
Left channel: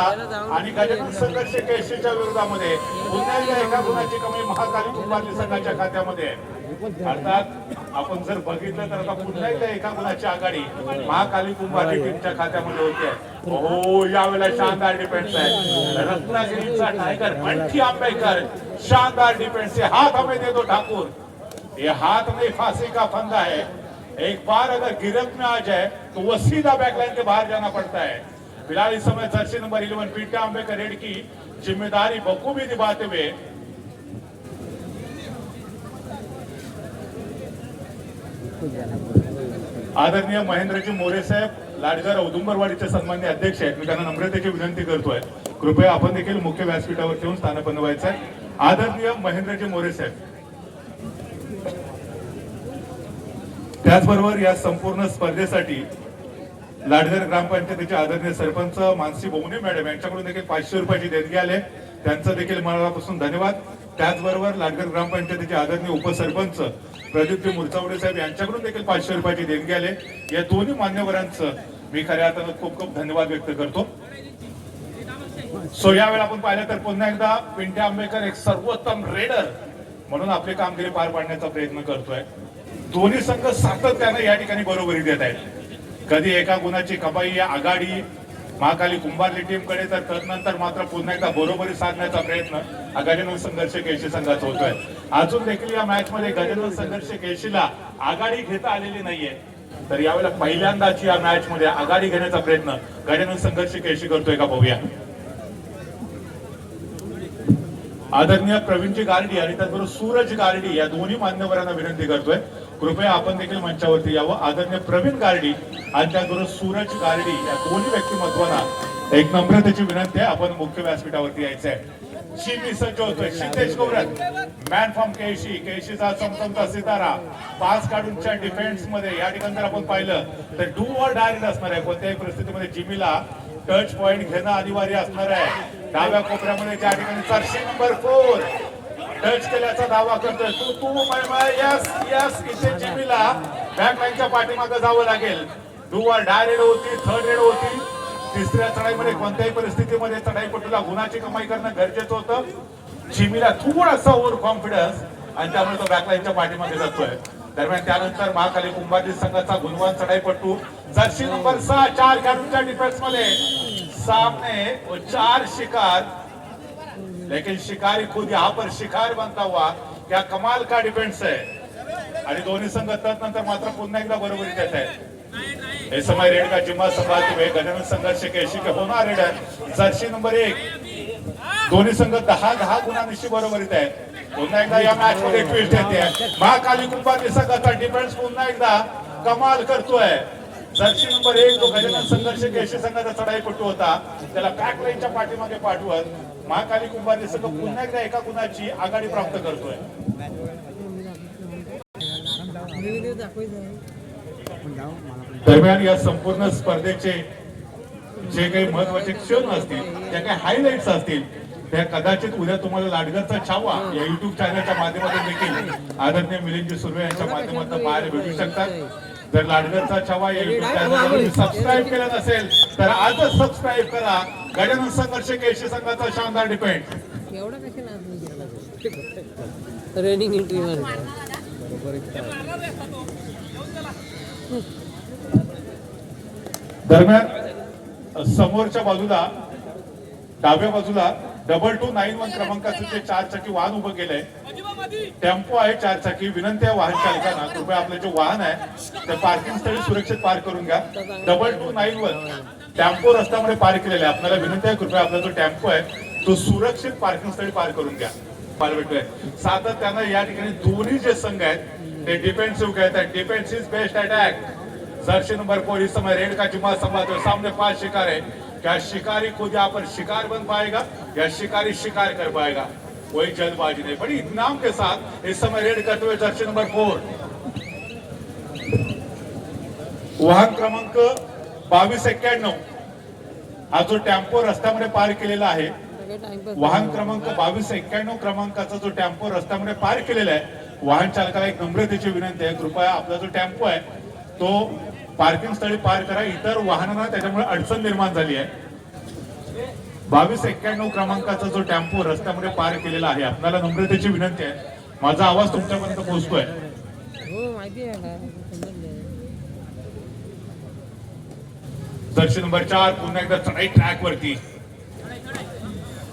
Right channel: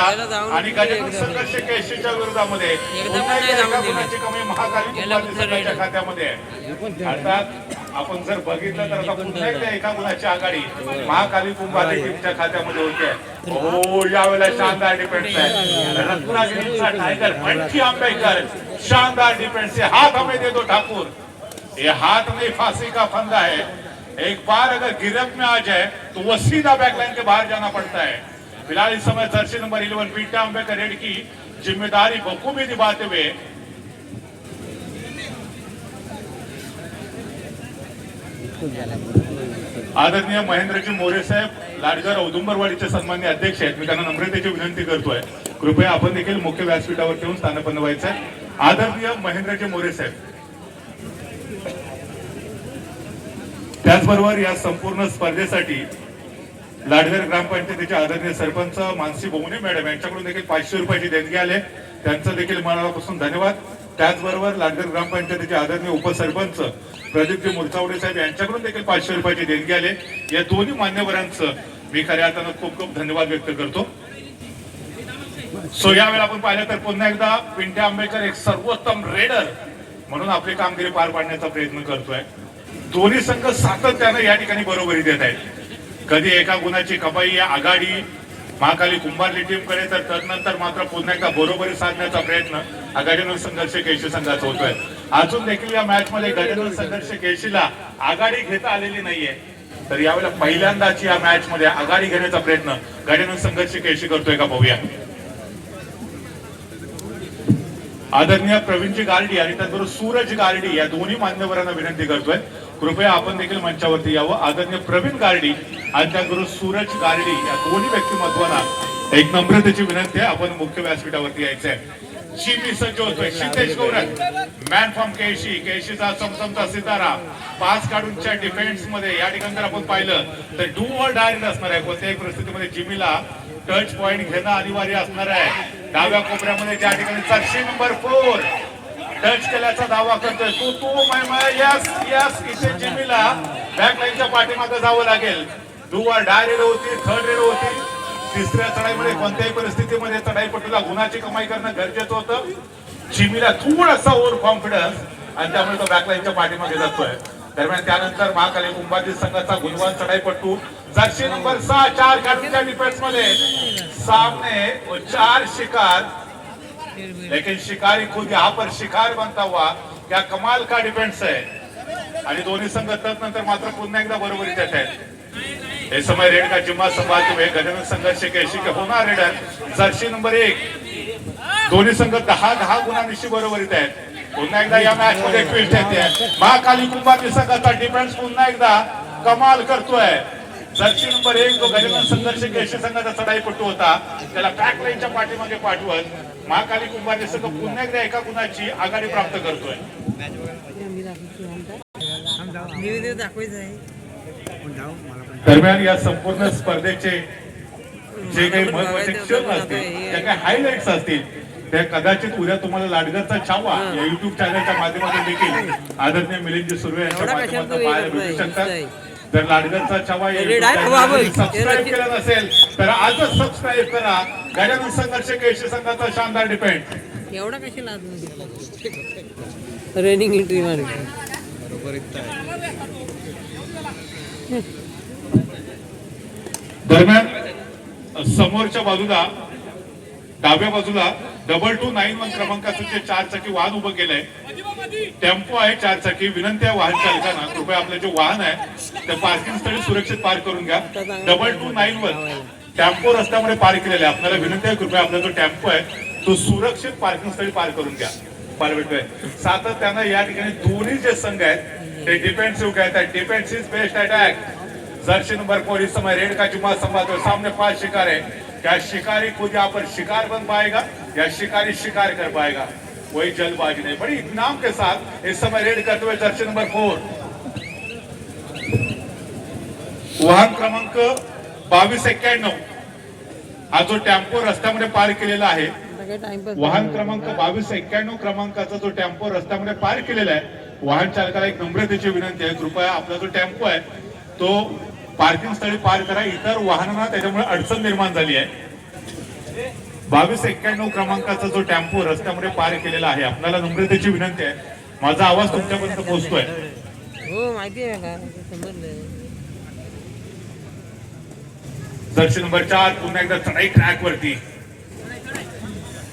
आणि गजानन संघर्ष केळशीच्या विरोधामध्ये गुणाची कमी महाकाली कुंभारली संघाच्या खात्यामध्ये. अर्थात आपण जर बघितलं तर आता पुन्हा एकदा 1 गुणाची आघाडी महाकाली कुंभारली टीमच्या खात्यामध्ये होते. हो यावेळेला शानदार डिफेन्स आहे. रत्नागिरीचा टायगर बंटी आंबेकर शानदार डिफेन्स है. हाथ हमें दे दो ठाकुर, ये हाथ में फांसी का फंदा है. एक बार अगर गिरफ्त में आ जाए तो वो सीधा बैकलाइन के बाहर जाना पड़ता है. फिलहाल इस समय Jersey number 11 Pintya Ambekar red की जिम्मेदारी बखूबी निभाते हुए आदरणीय महेंद्रजी मोरे साहेब लाडघर औदुंबरवाडीचे सन्माननीय अध्यक्ष आहेत. मी त्यांना नम्रतेची विनंती करतोय कृपया आपण देखील मुख्य व्यासपीठावर येऊन स्थानपन्न व्हायचं आहे. आदरणीय महेंद्रजी मोरे साहेब. त्याचबरोबर या संपूर्ण स्पर्धेसाठी लाडघर ग्रामपंचायतीचे आदरणीय सरपंच मानसी बोमणे मॅडम यांच्याकडून देखील 500 रुपयाची देणगी आले, त्यांचं देखील मनापासून धन्यवाद. त्याचबरोबर लाडघर ग्रामपंचायतीचे आदरणीय उपसरपंच प्रदीपजी मुरचावडे साहेब यांच्याकडून देखील 500 रुपयाची देणगी आले. या दोन्ही मान्यवरांचं मी खऱ्या अर्थानं खूप खूप धन्यवाद व्यक्त करतो. सो यावेळी आपण पाहिलं तर पुन्हा एकदा पिंट्या आंबेकर एक सर्वोत्तम रेडर म्हणून आपली कामगिरी पार पाडण्याचा प्रयत्न करतोय. दोन्ही संघ सातत्यानं या ठिकाणी बरोबरी देत आहेत. कधी एका गुणाची कमाई आघाडी महाकाली कुंभारली टीमकडे, तर तदनंतर मात्र पुन्हा एकदा बरोबरी साधण्याचा प्रयत्न हा गजानन संघर्ष केळशी संघाचा होतोय. अजून देखील या मॅच मध्ये गजानन संघर्ष केळशीला आघाडी घेता आलेली नाहीये, तर यावेळेला पहिल्यांदाच या मॅच मध्ये आघाडी घेण्याचा प्रयत्न गजानन संघर्ष केळशी करतोय का पाहूया. आदरणीय प्रवीणजी गार्डी आणि त्याचबरोबर सूरज गार्डी या दोन्ही मान्यवरांना विनंती करतोय, कृपया आपण देखील मंचावरती यावं. आदरणीय प्रवीण गार्डी आणि त्याचबरोबर सूरज गार्डी या दोन्ही व्यक्तिमत्वांना एक नम्रतेची विनंती आहे, आपण मुख्य व्यासपीठावरती यायचं आहे. चिमी सज्ज होतोय सिद्धेश गौरव, मॅन फ्रॉम केळशी, केळशीचा चमचमचा सितारा. पास काढूनच्या डिफेन्स मध्ये या ठिकाणी जर आपण पाहिलं तर डू ऑर डाय असणार आहे. कोणत्याही परिस्थितीमध्ये जिमीला टच पॉइंट घेणं अनिवार्य असणार आहे. डाव्या कोपऱ्यामध्ये त्या ठिकाणी जर्सी नंबर 4 टच केल्याचा दावा करतोय. तू यस यस, इथे जिमीला बॅक लाईनच्या पाठीमागे जावं लागेल. डू ऑर डाय रेड होती, थर्ड रेड होती. तिसऱ्या चढाईमध्ये कोणत्याही परिस्थितीमध्ये चढाईपटूला गुणाची कमाई करणं गरजेचं होतं. जिमीला थोडासा ओव्हर कॉन्फिडन्स आणि त्यामुळे तो बॅकलाईनच्या पाठीमागे जातोय. दरम्यान त्यानंतर महाकाली कुंभारली संघाचा गुणवान चढाईपटू जर्सी नंबर 6 4 काढूनच्या डिफेन्स मध्ये सामने 4 शिकार, लेकिन शिकारी खुद यहाँ पर शिकार बनता हुआ. क्या कमाल का डिफेन्स है. आणि दोन्ही संघ नंतर मात्र पुन्हा एकदा बरोबरीत येत आहेत. हे समय रेड का जिम्मा संभालते हुए गजानन संघर्ष केळशी के होणार रेडर जर्सी नंबर 1. दोन्ही संघ 10-10 गुणांशी बरोबरीत आहेत. पुन्हा एकदा या मॅच मध्ये ट्विस्ट येते. महाकाली कुंभारली संघाचा डिफेन्स पुन्हा एकदा कमाल करतोय. जर्सी नंबर 1 जो गजानन संघर्ष केळशी संघाचा चढाईपटू होता, त्याला बॅक लाईनच्या पाठीमागे पाठवत महाकाली कुंभारली संघ पुन्हा एकदा एका गुणाची आघाडी प्राप्त करतोय. दरम्यान या संपूर्ण स्पर्धेचे जे काही महत्वाचे क्षण असतील, त्या काही हायलाइट्स असतील, त्या कदाचित उद्या तुम्हाला लाडघरचा छावा या युट्यूब चॅनलच्या माध्यमातून देखील आदरणीय मिलिंदजी सुर्वे यांच्या माध्यमातून पाहायला भेटू शकतात. जर लाडघरचा छावा या सबस्क्राईब केलं नसेल तर आजच सबस्क्राईब करा. गजानन संघर्ष केळशी संघाचा शानदार डिफेंड. एवढा कशाला रनिंग एंट्री बरोबरीत आहे. दरम्यान समोरच्या बाजूला डाव्या बाजूला 2291 क्रमांकाचं जे 4 चाकी वाहन उभं केलंय, टेम्पो आहे 4 चाकी. विनंती आहे वाहन चालकांना, कृपया आपलं जे वाहन आहे ते पार्किंग स्थळी सुरक्षित पार्क करून घ्या. 2291 टेम्पो रस्त्यामध्ये पार्क केलेला आहे. आपल्याला विनंती आहे, कृपया आपला जो टेम्पो आहे तो सुरक्षित पार्किंग स्थळी पार्क करून घ्या. सातत्यानं या ठिकाणी दोन्ही जे संघ आहेत ते डिफेन्सिव्ह खेळत आहेत. Defence is best attack. Jersey number 4 इस समय रेड का जुम्मा संभालते, सामने 5 शिकार है. क्या शिकारी खुद यहाँ पर शिकार बन पाएगा या शिकारी शिकार कर पाएगा, कोई जल्दबाजी नहीं. बड़ी इत्मीनान के साथ इस समय रेड करते हुए जर्सी नंबर 4 वाहन क्रमांक 2291 हा जो टेम्पो रस्त्यामध्ये पार्क केलेला आहे, वाहन क्रमांक 2291 क्रमांकाचा जो टेम्पो रस्त्यामध्ये पार्क केलेला आहे, वाहन चालकाला एक नम्रतेची विनंती आहे, कृपया आपला जो टेम्पो आहे तो पार्किंग स्थळी पार्क करा. इतर वाहनांना त्याच्यामुळे अडचण निर्माण झाली आहे. 2291 क्रमांकाचा जो टेम्पो रस्त्यामध्ये पार्क केलेला आहे, आपल्याला नम्रतेची विनंती आहे. माझा आवाज तुमच्यापर्यंत पोहोचतोय. हो माहिती आहे का, समजलं. जर्सी नंबर 4 पुन्हा एकदा चढाई ट्रॅक वरती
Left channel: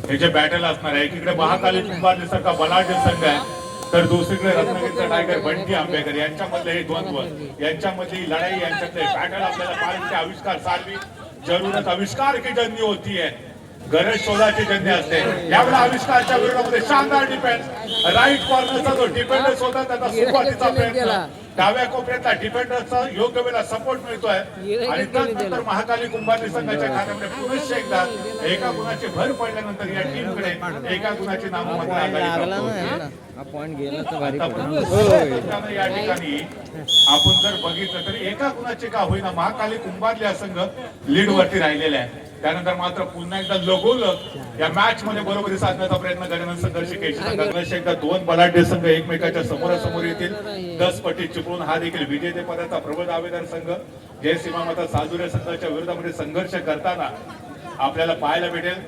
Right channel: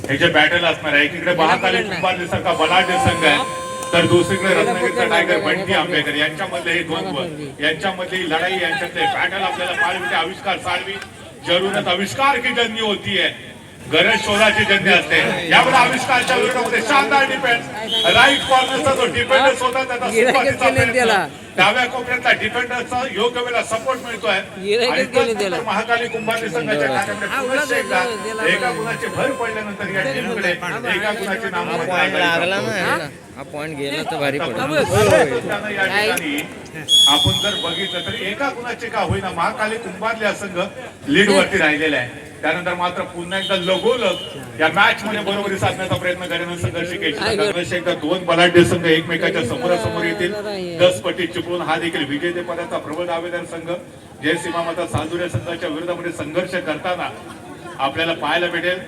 हे जे बॅटल असणार आहे. एकीकडे महाकाली कुंभारली सारखा बलाढ्य संघ आहे, तर दुसरीकडे रत्नागिरीचा टायगर बंटी आंबेकर यांच्यामधले हे द्वंद्व, यांच्यामधली लढाई, यांच्यातले बॅटल आपल्याला पाहायला. आविष्कार सारवी जरूरत आविष्कार की जंगी होती है, गरज शोधाची जंगी असते. यावेळी आविष्कारच्या विरोधामध्ये शानदार डिफेन्स. राईट कॉर्नरचा जो डिफेंडर्स होता त्याचा सुरुवातीचा प्रयत्न डाव्या कोपऱ्यातला डिफेंडरचा योग्य वेळेला सपोर्ट मिळतोय आणि त्यानंतर महाकाली कुंभारली संघाच्या कार्यामध्ये पुन्हा एकदा एका गुणाची भर पडल्यानंतर या टीमकडे एका गुणाची हा पॉइंट लागला ना ह्याला. हा पॉइंट गेला तर भारी पडत. या ठिकाणी आपण जर बघितलं तर एका गुणाचे का होईना महाकाली कुंभारली हा संघ लीड वरती राहिलेला आहे. त्यानंतर मात्र पुन्हा एकदा लगोलग या मॅच मध्ये बरोबरी साधण्याचा प्रयत्न करण्याचा संघर्ष एकदा दोन बलाढ्य संघ एकमेकाच्या समोरासमोर येतील. 10 पटी चिपळूण हा देखील विजेतेपदाचा प्रबळ दावेदार संघ जय सीमा माता सालुरे संघाच्या विरोधामध्ये संघर्ष करताना आपल्याला पाहायला भेटेल.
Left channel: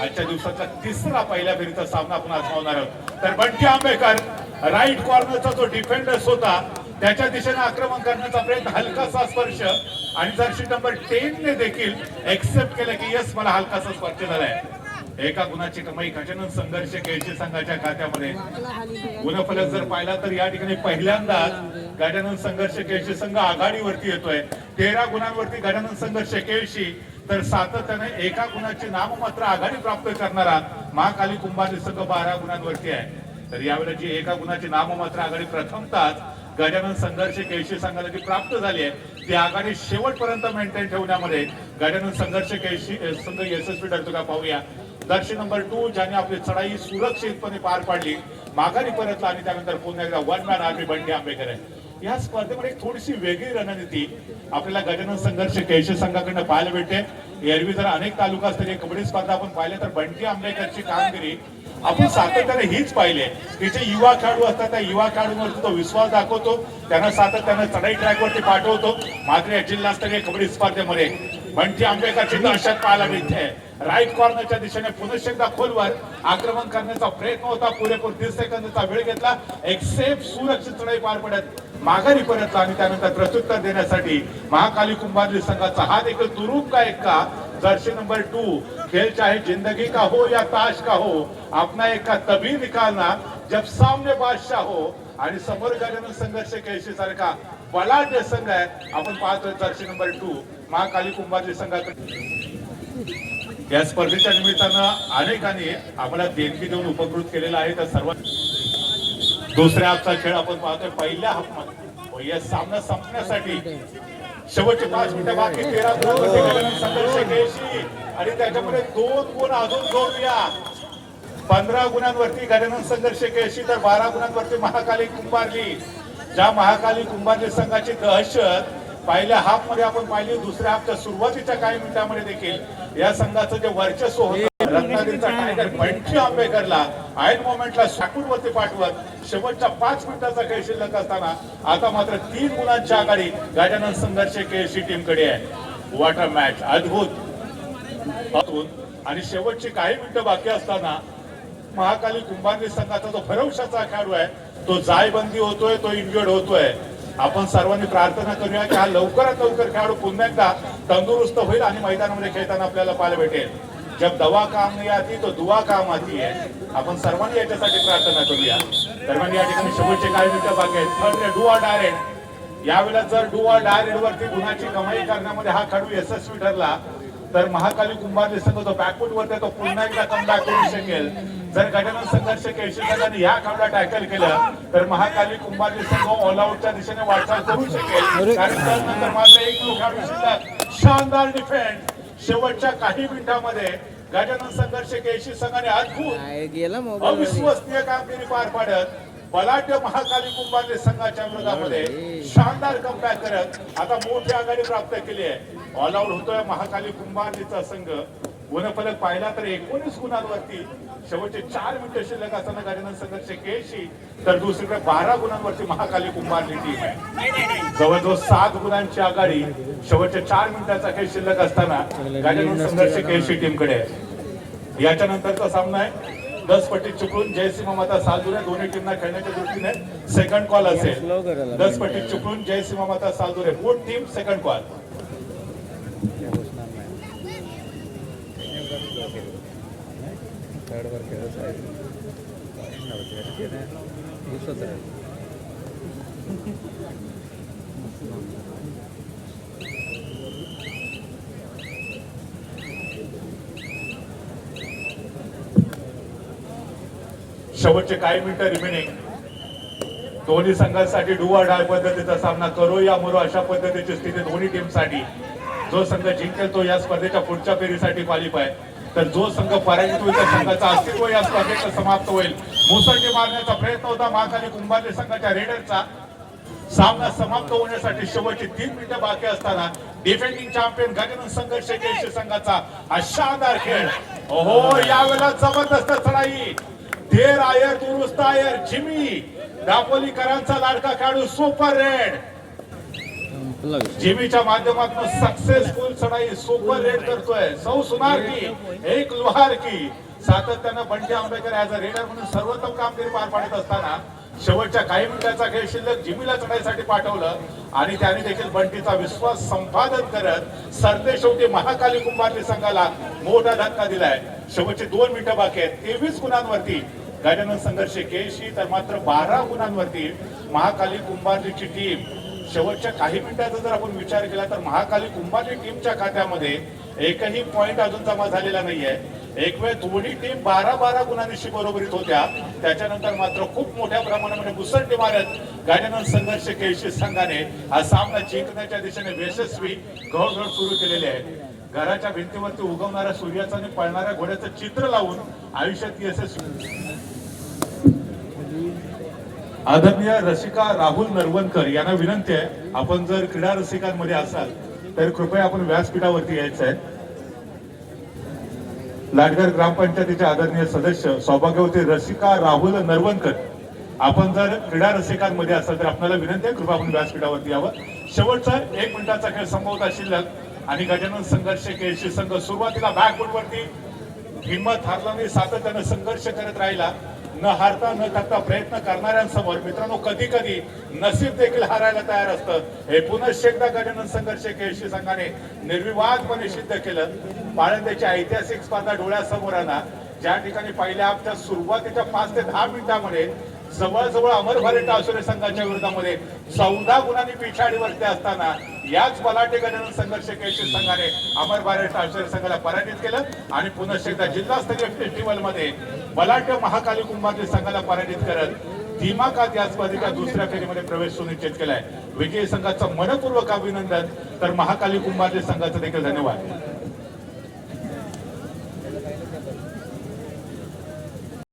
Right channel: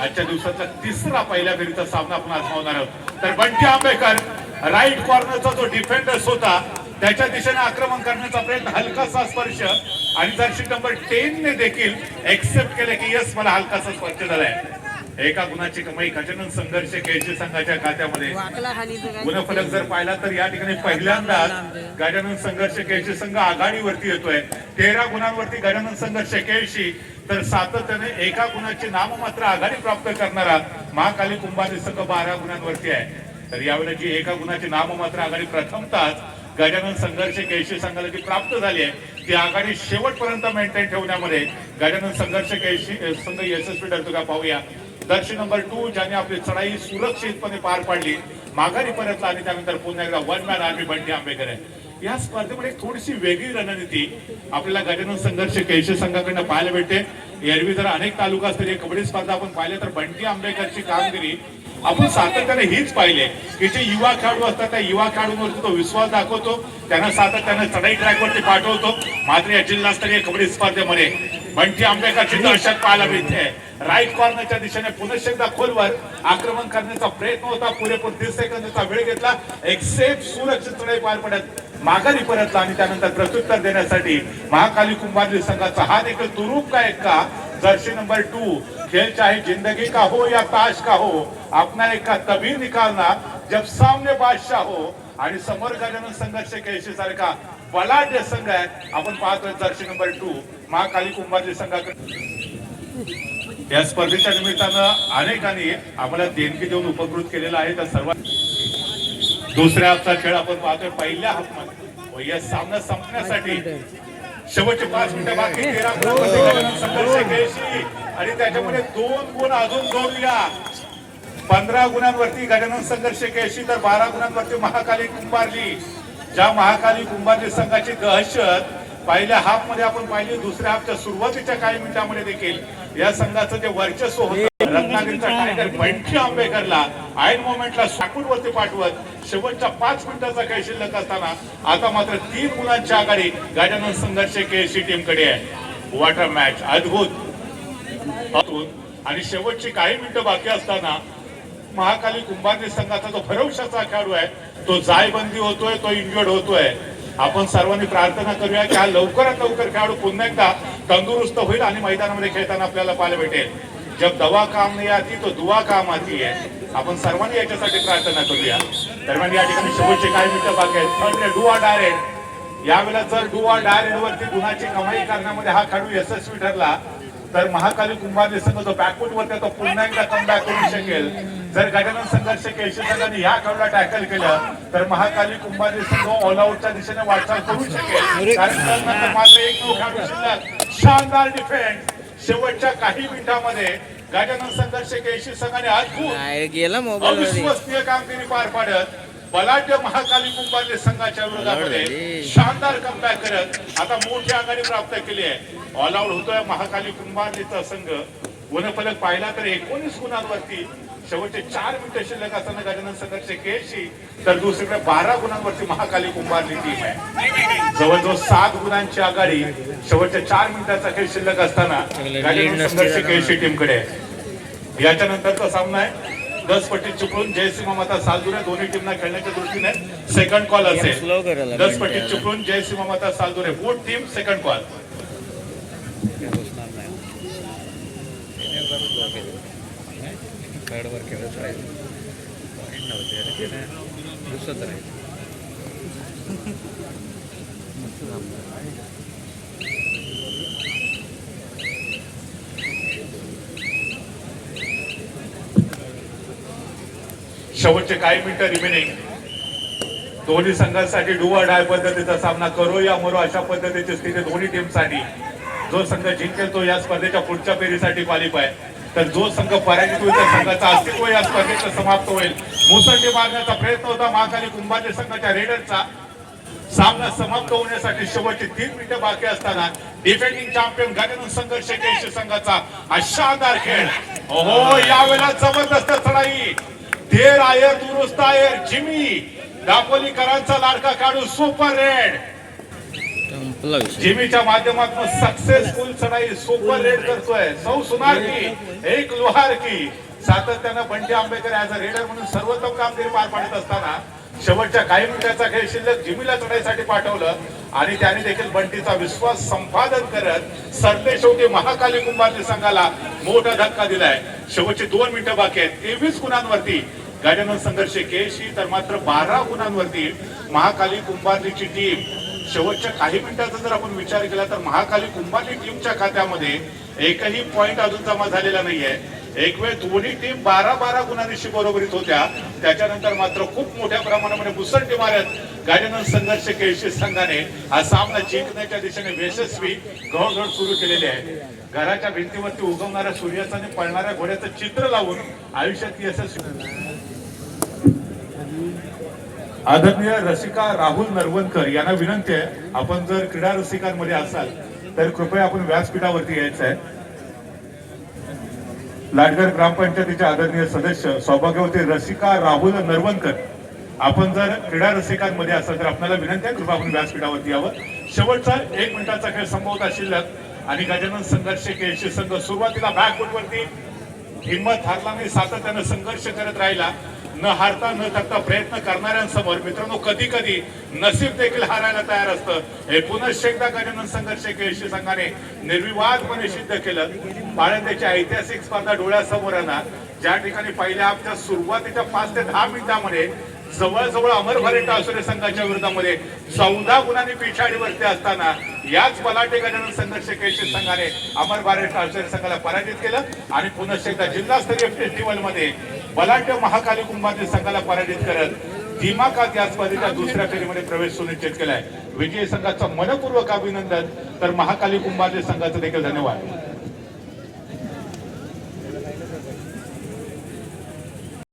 आजच्या दिवसाचा तिसरा पहिल्या फेरीचा सामना आपण आजमावणार आहोत. तर बंटी आंबेकर राईट कॉर्नरचा जो डिफेंडर्स होता त्याच्या दिशेने आक्रमण करण्याचा प्रयत्न, हलकासा स्पर्श आणि जर्सी नंबर 10 ने देखील एक्सेप्ट केले की यस मला हलकासा स्पर्श झालाय. एका गुणाची कमाई गजानन संघर्ष केळशी संघाच्या खात्यामध्ये. गुणफलक जर पाहिला तर या ठिकाणी पहिल्यांदा गजानन संघर्ष केळशी संघ आघाडीवरती येतोय 13 गुणांवरती गजानन संघर्ष केळशी. तर सातत्याने एका गुणाची नाममात्र आघाडी प्राप्त करणारा महाकाली कुंभारली संघ 12 गुणांवरती आहे. तर यावेळी जी एका गुणाची नाममात्र आघाडी प्रथमतः गजानन संघर्ष केळशी संघाला जी प्राप्त झाली आहे ती आघाडी शेवटपर्यंत मेंटेन ठेवण्यामध्ये गजानन संघर्ष केळशी संघ यशस्वी ठरतो का पाहूया. दर्शन नंबर 2 ज्याने आपली चढाई सुरक्षितपणे पार पाडली, माघारी परतला आणि त्यानंतर पुन्हा एकदा one man army Bunty Ambekar आहे. या स्पर्धेमध्ये थोडीशी वेगळी रणनीती आपल्याला गजानन संघर्ष केळशी संघाकडनं पाहायला भेटते. एरवी जर अनेक तालुका स्तरीय कबड्डी स्पर्धा आपण पाहिले तर बंटी आंबेकरची कामगिरी आपण सातत्याने हीच पाहिले की जे युवा खेळाडू असतात त्या युवा खेळाडूंवरती तो विश्वास दाखवतो, त्यांना सातत्याने चढाई ट्रॅकवरती पाठवतो. मात्र या जिल्हास्तरीय कबड्डी स्पर्धेमध्ये बंटी आंबेकरची दहशत पाहायला मिळते. राईट कॉर्नरच्या दिशेने पुन्हा एकदा खोलवर आक्रमण करण्याचा प्रयत्न होता. पुरेपूर 30 सेकंदाचा वेळ घेतला. एक सेफ सुरक्षित चढाई पार पडत माघारी परतला आणि त्यानंतर प्रत्युत्तर देण्यासाठी महाकाली कुंभारली संघाचा हा देखील तुरुप का एक का जर्सी नंबर 2 खेल चाहे जिंदगी का हो या ताश का हो अपना एक का तभी निकालना जब सामने बादशाह हो. आणि समोर गजानन संघर्ष केळशी सारखा बलाढ्य संघ आहे. आपण पाहतोय जर्सी नंबर 2 महाकाली कुंभारली संघाकडे. या स्पर्धेच्या निमित्तानं अनेकांनी आम्हाला देणगी देऊन उपकृत केलेला आहे. तर सर्वात दुसऱ्या हाफचा खेळ आपण पाहतोय. पहिल्या हाफमध्ये या सामना संपण्यासाठी शेवटचे 5 मिनिटं बाकी 13 गुणांमध्ये गजानन संघर्ष केळशी आणि त्याच्यामध्ये 2 गुण अजून जोडूया. 15 गुणांवरती गजानन संघर्ष केळशी तर 12 गुणांवरती महाकाली कुंभारली. ज्या महाकाली कुंभारली संघाची दहशत पहिल्या हाफ मध्ये आपण पाहिली, दुसऱ्या हाफच्या सुरुवातीच्या काही मिनिटांमध्ये देखील या संघाचं जे वर्चस्व होतं रत्नागिरीचा टायगर बंटी आंबेकरला ऐन मोमेंटला साकूडवरती पाठवत शेवटच्या 5 मिनिटाचा खेळ शिल्लक असताना आता मात्र 3 गुणांची आघाडी गजानन संघर्ष केळशी टीमकडे आहे. वॉटर मॅच अद्भुत आणि शेवटची काही मिनिटं बाकी असताना महाकाली कुंभारली संघाचा जो भरवशाचा खेळाडू आहे तो जायबंदी होतोय, तो इंजर्ड होतोय. आपण सर्वांनी प्रार्थना करूया की हा लवकरात लवकर खेळाडू पुन्हा एकदा तंदुरुस्त होईल आणि मैदानामध्ये खेळताना आपल्याला पाहायला भेटेल. जब दवा काम नाही आती तो दुआ काम आती आहे. आपण सर्वांनी याच्यासाठी प्रार्थना करूया. दरम्यान या ठिकाणी शेवटचे काही मिनिटं बाकी आहेत. डू ऑर डायरेक्ट यावेळेला जर डू ऑर डायरेक्ट वरती गुणाची कमाई करण्यामध्ये हा खेळाडू यशस्वी ठरला तर महाकाली कुंभारली संघ जो बॅकफूट वरती तो पुन्हा एकदा कमबॅक करू शकेल. जर गजानन संघर्ष केळशी संघाने या खेळाडूला टॅकल केलं तर महाकाली कुंभारली संघ ऑल आउटच्या दिशेने वाटचाल करू शकेल. कारण मात्र एक खेळाडू शिल्लक. शानदार डिफेन्स शेवटच्या काही मिनिटांमध्ये गजानन संघर्ष केळशी संघाने अद्भुत अविश्वसनीय कामगिरी पार पाडत बलाढ्य महाकाली कुंभारली संघाच्या विरोधामध्ये शानदार कमबॅक करत आता मोठी आघाडी प्राप्त केली आहे. ऑल आउट होतोय महाकाली कुंभारलीचा संघ. गुणफलक पाहिला तर 19 गुणांवरती शेवटचे 4 मिनिटं शिल्लक असताना गजानन संघर्ष केळशी तर दुसरीकडे 12 गुणांवरती महाकाली कुंभारली टीम आहे. जवळजवळ 7 गुणांची आघाडी शेवटच्या 4 मिनिटाचा खेळ शिल्लक असताना गजानन संघर्ष केळशी टीमकडे आहे. याच्या नंतरचा सामना आहे 10 पट्टी चिपळूण जयसिंह माता सालदुरे. दोन्ही टीमना खेळण्याच्या दृष्टीने सेकंड कॉल असेल. 10 पट्टी चिपळूण जयसिंह माता सालदुरे बोथ टीम सेकंड कॉल. थर्डवर खेळत राहील पॉईंट नव्हते दुसरं राहील. शेवटचे काही मिनिटं रिमेनिंग. दोन्ही संघांसाठी डू ऑर डाय पद्धतीचा सामना करो या मरो अशा पद्धतीची स्थिती दोन्ही टीमसाठी. जो संघ जिंकेल तो या स्पर्धेच्या पुढच्या फेरीसाठी क्वालिफाय, तर जो संघ पराजित होईल त्या संघाचं अस्तित्व या स्पर्धेत समाप्त होईल. मुसंडी मारण्याचा प्रयत्न होता महाकाली कुंभारली संघाच्या रेडरचा. सामना समाप्त होण्यासाठी शेवटची 3 मिनिटं बाकी असताना डिफेंडिंग चॅम्पियन गजानन संघर्ष केश संघाचा हा शानदार खेळ. ओहो, यावेळेला जबरदस्त चढाई. देर आयर दुरुस्त आयर जिमी दापोलीकरांचा लाडका खेळाडू सुपर रेड संपला विषय. जिमीच्या माध्यमातून सक्सेसफुल चढाई सुपर रेड करतोय. सौ सुनार की एक लोहार की सातत्यानं Bunty Ambekar as a raider म्हणून सर्वोत्तम कामगिरी पार पाडत असताना शेवटच्या काही मिनिटाचा खेळ शिल्लक जिमीला चढाईसाठी पाठवलं आणि त्याने देखील बंटीचा विश्वास संपादन करत सरते शेवटी महाकाली कुंभारली संघाला मोठा धक्का दिलाय. शेवटची 2 मिनिटं बाकी आहेत. 23 गुणांवरती गजानन संघर्ष केशी, तर मात्र 12 गुणांवरती महाकाली कुंभारलीची टीम. शेवटच्या काही मिनिटांचा जर आपण विचार केला तर महाकाली कुंभारली टीमच्या खात्यामध्ये एकही पॉइंट अजून जमा झालेला नाहीये. एक वेळ दोन्ही टीम 12-12 गुणांशी बरोबरीत होत्या. त्याच्यानंतर मात्र खूप मोठ्या प्रमाणामध्ये मुसंडी मारत गजानन संघर्ष केशी संघाने हा सामना जिंकण्याच्या दिशेने यशस्वी घोडघोड सुरू केलेली आहे. घराच्या भिंतीवरती उगवणाऱ्या सूर्याचं आणि पळणाऱ्या घोड्याचं चित्र लावून आयुष्यात यशस्वी. आदरणीय रसिका राहुल नरवणकर यांना विनंती आहे, आपण जर क्रीडा रसिकांमध्ये असाल तर कृपया आपण व्यासपीठावरती यायचं आहे. लाडगर ग्रामपंचायतीचे आदरणीय सदस्य सौभाग्यवती रसिका राहुल नरवणकर, आपण जर क्रीडा रसिकांमध्ये असाल तर आपल्याला विनंती आहे, कृपया आपण व्यासपीठावरती यावं. शेवटचा 1 मिनिटाचा खेळ संपवता शिल्लक आणि गजानन संघर्ष केशी संघ सुरुवातीला बॅकफुटवरती हिंमत हारला नाही, सातत्यानं संघर्ष करत राहिला. न हारता न थकता प्रयत्न करणाऱ्यांसमोर मित्रांनो कधी कधी नसीब देखील हारायला तयार असतं. हे पुन्हा एकदा गजानन संघर्ष केशी संघाने निर्विवादपणे सिद्ध केलं. बाळंद्याची ऐतिहासिक स्पर्धा डोळ्यासमोर आणा, ज्या ठिकाणी पहिल्या हाफच्या सुरुवातीच्या 5 ते 10 मिनिटांमध्ये जवळजवळ अमर भारत टावसरे संघाच्या विरोधामध्ये 14 गुणांनी पिछाडीवरती असताना याच बलाढ्य गजानन संघर्ष केशी संघाने अमर भारत टावसरे संघाला पराजित केलं आणि पुन्हा एकदा जिल्हास्तरीय फेस्टिवल मध्ये बलाढ्य महाकाली कुंभारली संघाला पराजित करत दिमाखात या स्पर्धेच्या दुसऱ्या फेरीमध्ये प्रवेश सुनिश्चित केलाय. विजयी संघाचं मनपूर्वक अभिनंदन, तर महाकाली कुंभारली संघाचं देखील धन्यवाद.